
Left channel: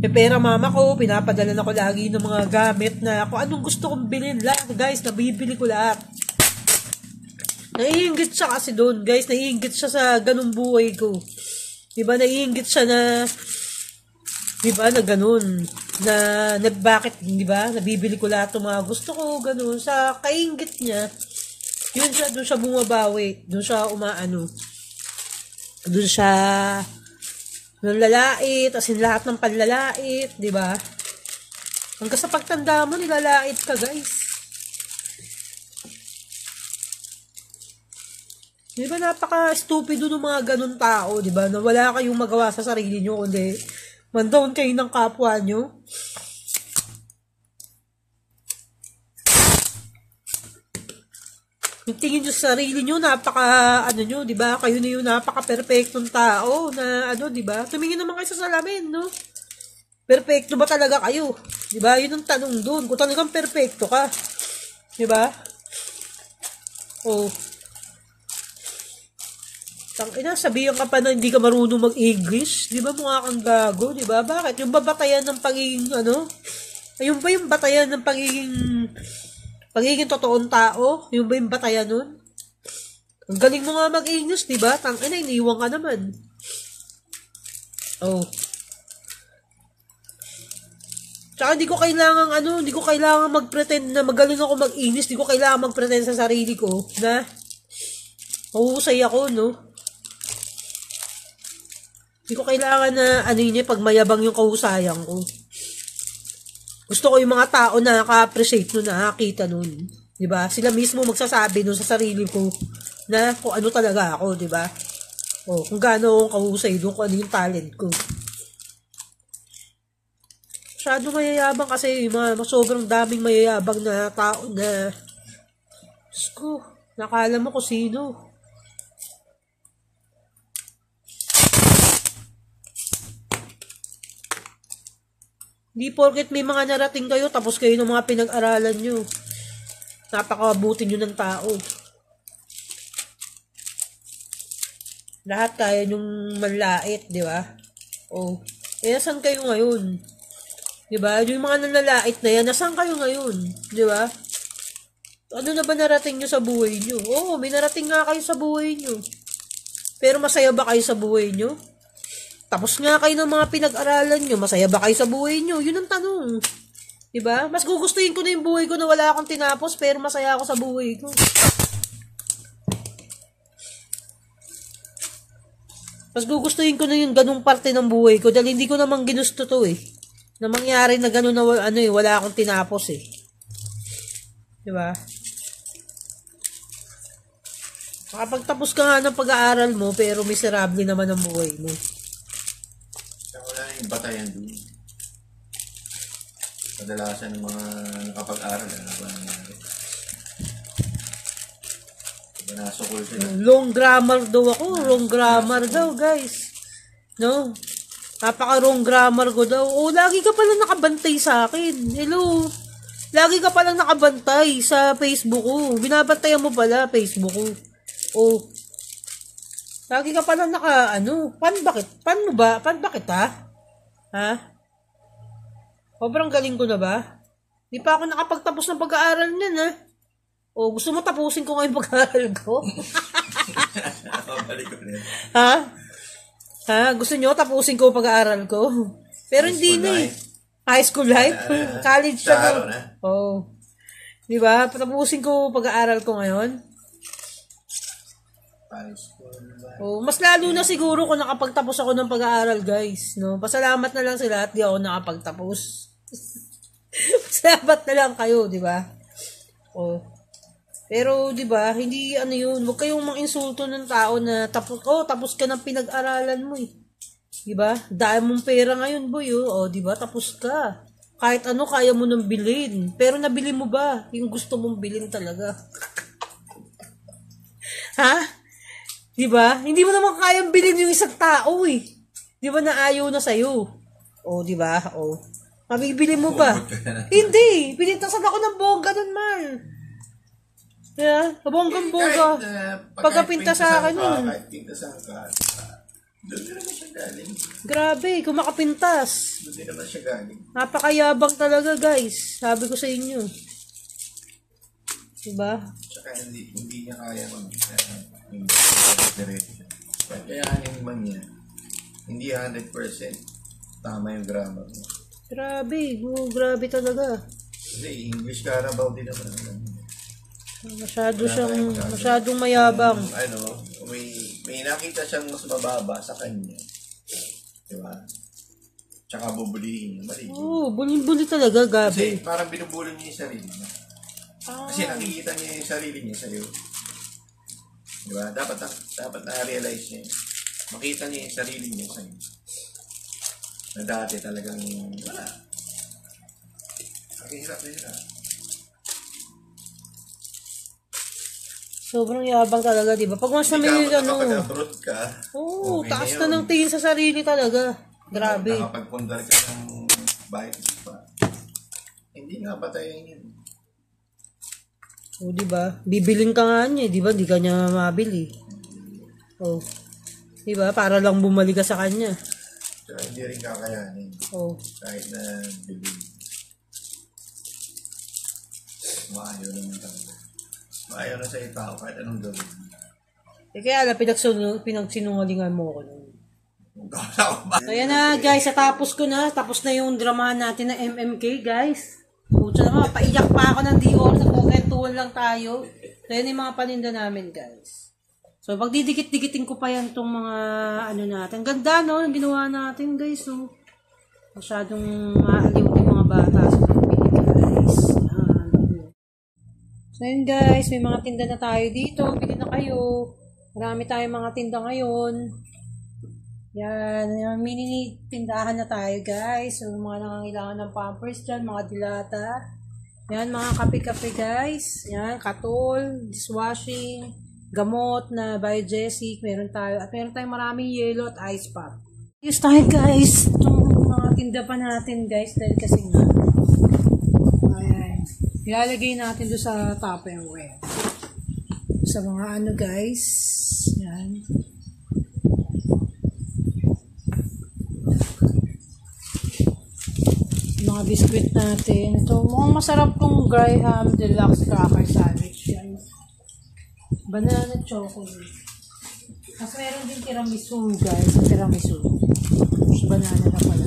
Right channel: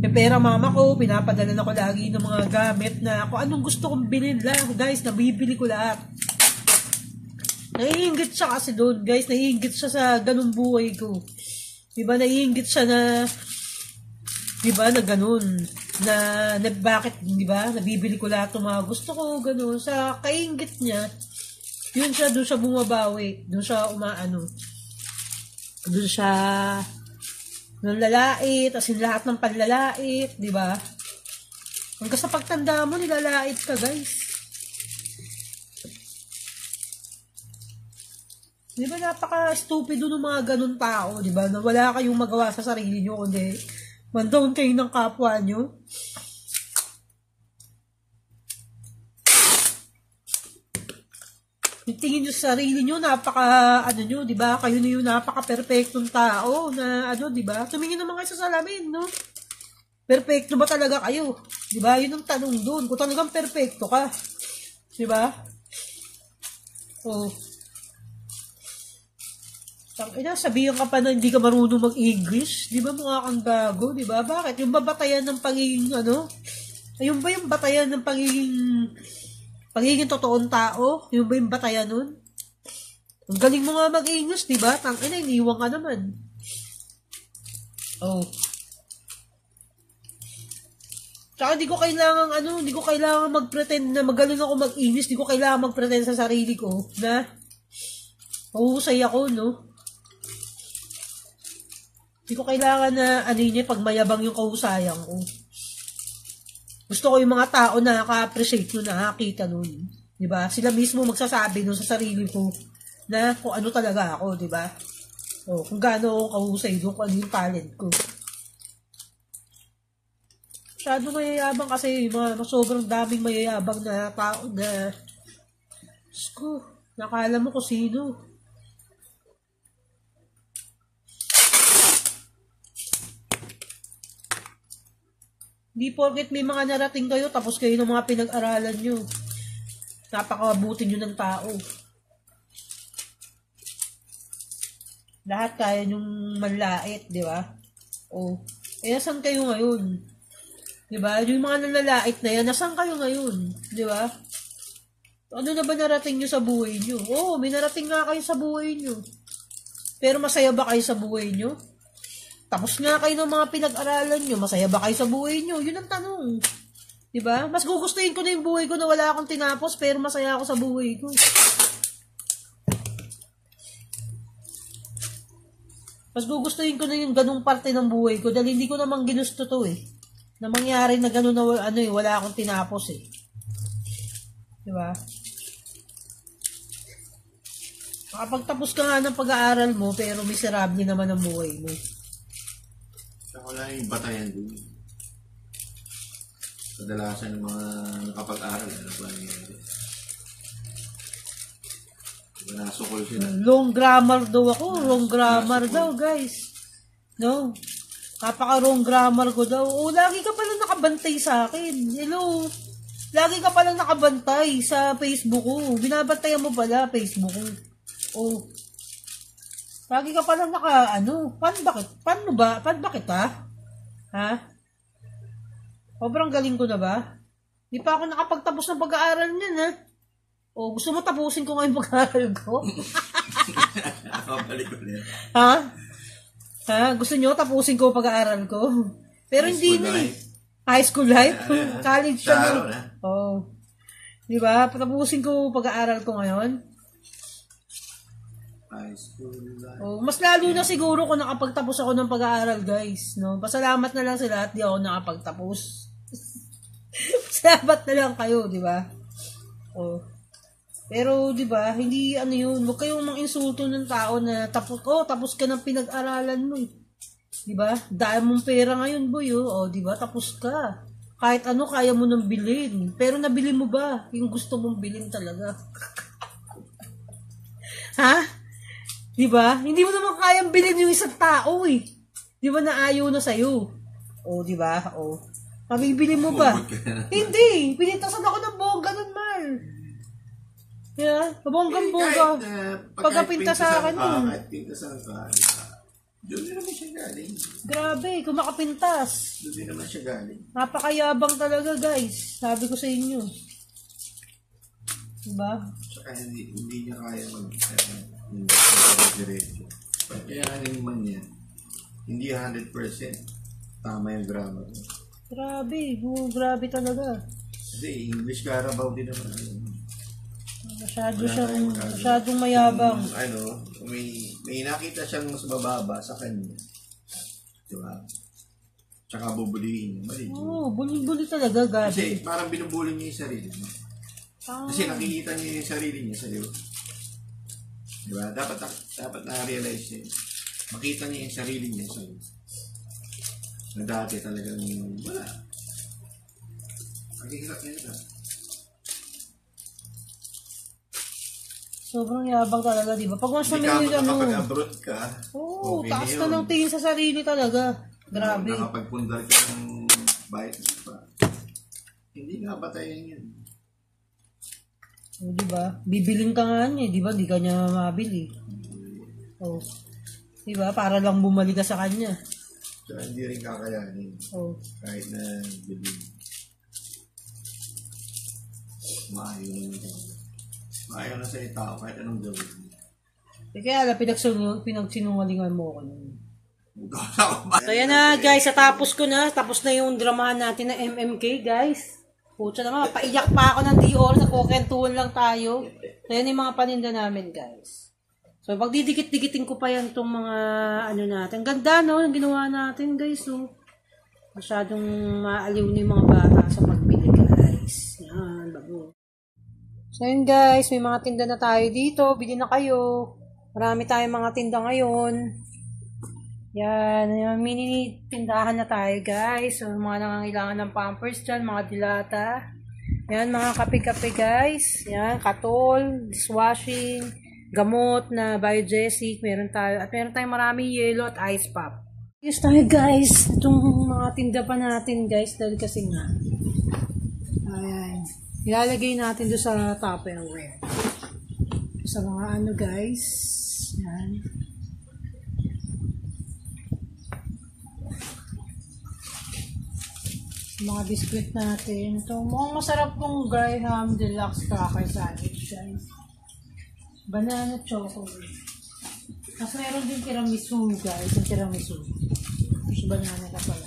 May pera mama ko, pinapadala na ko lagi ng mga gamit na kung anong gusto kong bilhin lang, guys, nabibili ko lahat. Naiinggit siya kasi doon, guys. Naiinggit siya sa ganung buhay ko. Diba, naiinggit siya na, diba, na ganun, na bakit, diba, nabibili ko lahat ng mga gusto ko, ganun, sa kainggit niya, yun siya, doon siya bumabawi, doon siya umaano, doon siya, nalalait, as in lahat ng panlalait, diba, hanggang sa pagtanda mo, nilalait ka, guys. Di ba napaka-stupido ng mga ganun tao, di ba? Na wala kayong magawa sa sarili nyo, kundi mandown kayo ng kapwa nyo. Yung tingin nyo sa sarili nyo, ano nyo, di ba? Kayo na yung napaka-perfectong tao na, di ba? Tumingin naman kayo sa salamin, no? Perfecto ba talaga kayo? Di ba? Yun ang tanong doon. Kung talagang perfecto ka. Di ba? Oh. Sabihan ka pa na hindi ka marunong mag-English. Di ba mukha kang gago? Di ba? Bakit? Yung babatayan ng pagiging, ayun ba yung batayan ng pagiging totoong tao? Yung ba yung batayan nun? Ang galing mo nga mag-English, di ba? Tangina, iniwan ka naman. Oh. Tsaka di ko kailangan mag-pretend na magaling ako mag-English. Di ko kailangan mag-pretend sa sarili ko na mahusay ako, no? Hindi ko kailangan na pag mayabang yung kahusayan ko. Gusto ko yung mga tao na nakaka-appreciate nun, nakakita nun. Diba? Sila mismo magsasabi nun sa sarili ko na kung ano talaga ako, diba? O, kung gaano akong kahusay doon, kung ano yung talent ko. Masyado mayayabang kasi, sobrang daming mayayabang na tao na, Diyos ko, nakala mo kung sino. Hindi porket may mga narating kayo, tapos kayo ng mga pinag-aralan nyo. Napakabuti nyo ng tao. Lahat tayo yung manlait, di ba? O, Eh, nasan kayo ngayon? Diba? Yung mga nalalait na yan, nasan kayo ngayon? Diba? Ano na ba narating nyo sa buhay nyo? Oo, may narating nga kayo sa buhay nyo. Pero masaya ba kayo sa buhay nyo? Tapos nga kayo ng mga pinag-aralan nyo, masaya ba kayo sa buhay nyo? Yun ang tanong. Diba? Mas gugustuhin ko na yung buhay ko na wala akong tinapos, pero masaya ako sa buhay ko. Mas gugustuhin ko na yung ganung parte ng buhay ko dahil hindi ko naman ginusto to eh. Na mangyari na gano'n na wala akong tinapos eh. Diba? Makapagtapos ka nga ng pag-aaral mo, pero miserable naman ang buhay mo. Wala na yung batayan doon. Kadalasan ng mga nakapag-aaral, ano ba nangyari? Diba nasukol sila? Long grammar daw ako. Wrong grammar daw, guys. No? Napaka-wrong grammar ko daw. Oh, lagi ka pala nakabantay sa akin. Hello? Lagi ka pala nakabantay sa Facebook ko. Binabantayan mo pala Facebook ko. Oh. Lagi ka pala Paano bakit ha? Ha? Sobrang galing ko na ba? Di pa ako nakapagtapos ng pag-aaral niyan ha? Oh, gusto mo tapusin ko ngayong pag-aaral ko? Balik ulit. Ha? Ha? Gusto nyo tapusin ko pag-aaral ko? Pero hindi na eh. High school life? College siya na. Oh. Diba? Tapusin ko pag-aaral ko ngayon. High school life. Oh, mas lalo na siguro kung nakapagtapos ako ng pag-aaral, guys. No? Pasalamat na lang sila at di ako nakapagtapos. Salamat na lang kayo, diba? Oh. Pero, di ba, hindi yun, huwag kayong mang-insulto ng tao na tapos ka ng pinag-aralan mo eh. Di ba? Dahil mong pera ngayon, boy, oh, di ba, tapos ka. Kahit ano, kaya mo nang bilhin. Pero nabili mo ba yung gusto mong bilhin talaga? Ha? Di ba? Hindi mo naman kayang bilhin yung isang tao eh. Di ba na ayaw na sa'yo? Oh, di ba? Oh. Mabibili mo ba? Hindi. Pinintasan ako ng bongga nun, Mar. Yeah, bonggang-bongga. Pagkapinta sa akin yun. Kahit pintasan ka, doon din naman siya galing. Grabe, kung makapintas. Doon din naman siya galing. Napakayabang talaga, guys. Sabi ko sa inyo. Diba? Tsaka hindi niya kaya yung diretso. Kaya naman niya, hindi 100% tama yung grammar niya. Grabe talaga. Kasi English Carabao din naman. Masyadong mayabang. May nakita siyang mas mababa sa kanya. Diba? Tsaka bubulihin niya. Mali. Oo, bully talaga, Gabi. Kasi parang binubuli niya yung sarili niya. Kasi nakikita niya yung sarili niya sa'yo. Diba? Dapat na-realize niya. Makita niya yung sarili niya sa'yo. Na dati talagang wala. Nakihirap. Sobrang yabang talaga, di ba? Pag mas na may abroad ka. Oo, taas na ng tingin sa sarili talaga. Grabe. Nakapagpundar ka ng bayad pa. Hindi nga batayan yun. Oo, di ba? Bibiling ka nga niya, di ba? Di ka niya mabili. Oo. Di ba? Para lang bumalik ka sa kanya. So, hindi rin kakayanin. Oo. Kahit na bilhin. Maayaw naman talaga. Maayaw na sa tao kahit anong gawin. Kaya pinagsinungalingan mo ako nun. So yan na guys, tapos na yung dramahan natin na MMK guys. Pucha naman, paiyak pa ako ng Dior, nagkukwentuhan lang tayo. So yan yung mga paninda namin guys. So pag didikit-dikitin ko pa yan itong mga natin. Ganda no, yung ginawa natin guys. So, masyadong maaliw na yung mga bata sa pagpili guys. Yan. So yun guys, may mga tinda na tayo dito. Bili na kayo. Marami tayong mga tinda ngayon. Yan, mini tindahan na tayo guys. So mga nangangailangan ng pampers dyan, mga dilata. Yan, mga kape-kape guys. Yan, katol, dishwashing, gamot na biogesic. Meron tayo. At meron tayong maraming yellow at ice pop. Yes tayo guys. Itong mga tinda pa natin guys. Dahil kasi nga. Ayan. Ilalagay natin doon sa Tupperware. Sa mga guys. Yan. Mga biscuit natin. Ito, mukhang masarap tong Graham Deluxe Cracker Sandwich, guys. Banana chocolate. Kasi meron din tiramisu, guys. Tiramisu. So, banana na pala.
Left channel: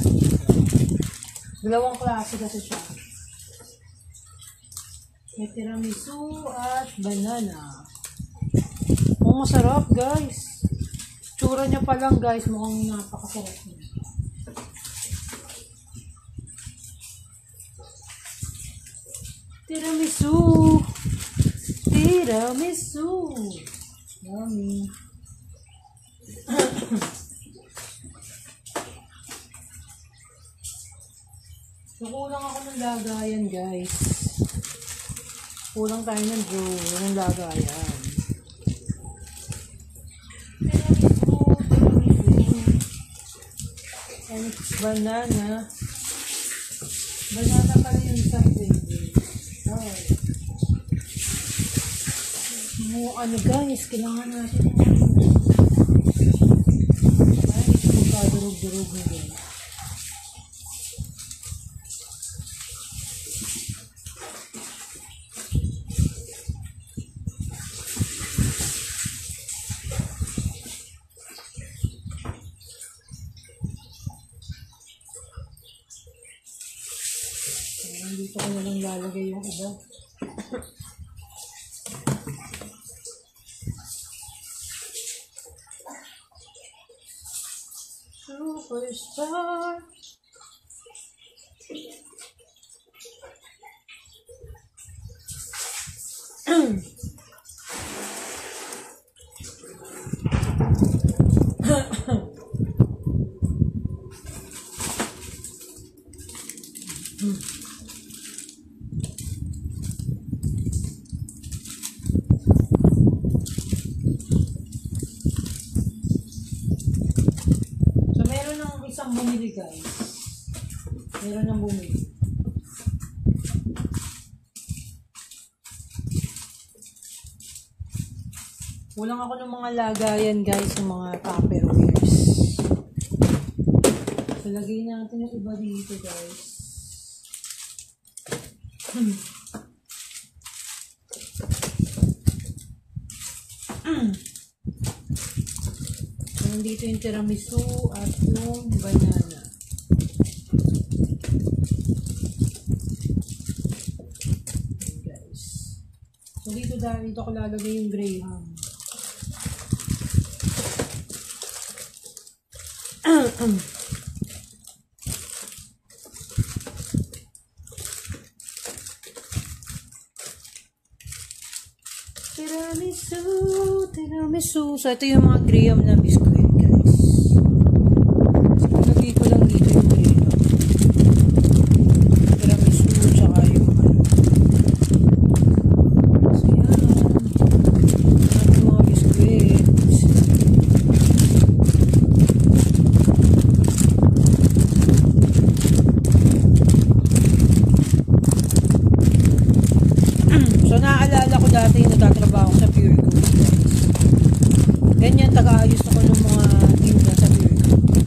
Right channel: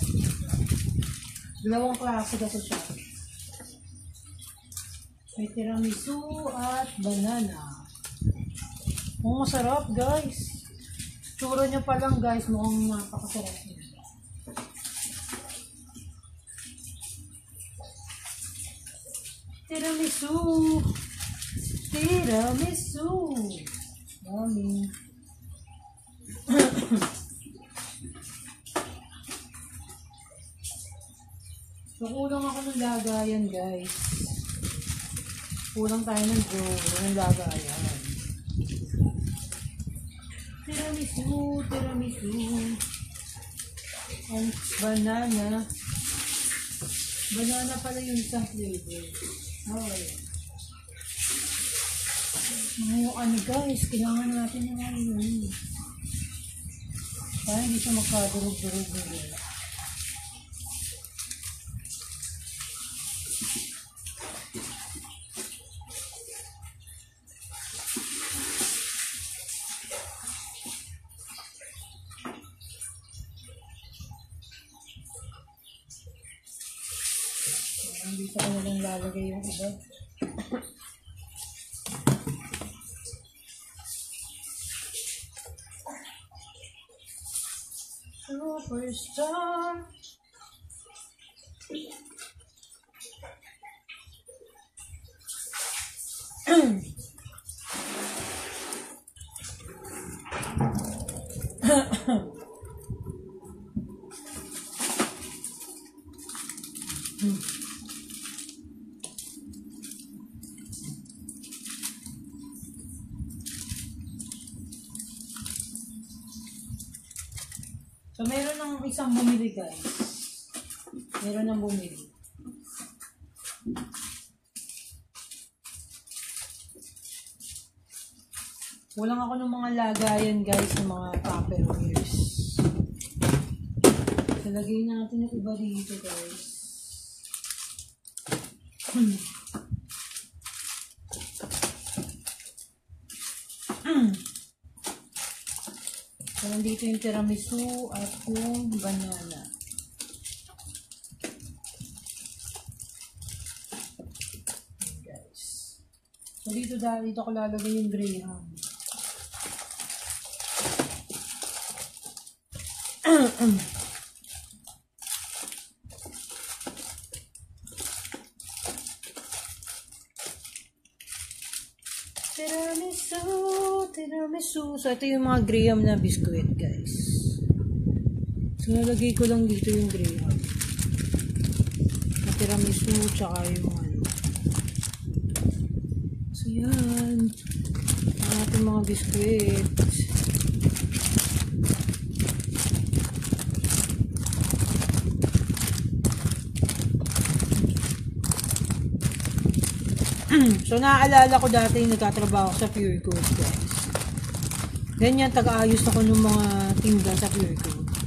Dalawang klase kasi siya. May tiramisu at banana. Mukhang masarap, guys. Tsura niya pa lang, guys. Mukhang napakasarap niya. Tiramisu! Tiramisu! Yummy! So, kulang ako ng lagayan, guys. Kulang tayo ng lagayan. Tiramisu! Tiramisu! And banana. Banana pala yung isang flavor. Ano guys, kailangan natin ng kaya hindi siya magkadurog-durog nila. Hindi pa kaya lang lalagay yung iba. Superstar. Meron ng isang bumili, guys. Meron ng bumili. Kulang ako ng mga lagayan, guys, ng mga tupperwares. Talagay natin yung iba dito, guys. Dito yung tiramisu at yung banana. Okay, guys. So dito ko lalagay yung Graham. Tiramisu. So ito yung mga Graham na biscuit, guys. So nalagay ko lang dito yung Graham. Tiramisu, tsaka yung so yan. Yung mga biscuits. So naaalala ko dati yung nagtatrabaho sa Pure Gold, guys. Ganyan, taga-ayos ako ng mga tinda sa Pure Gold.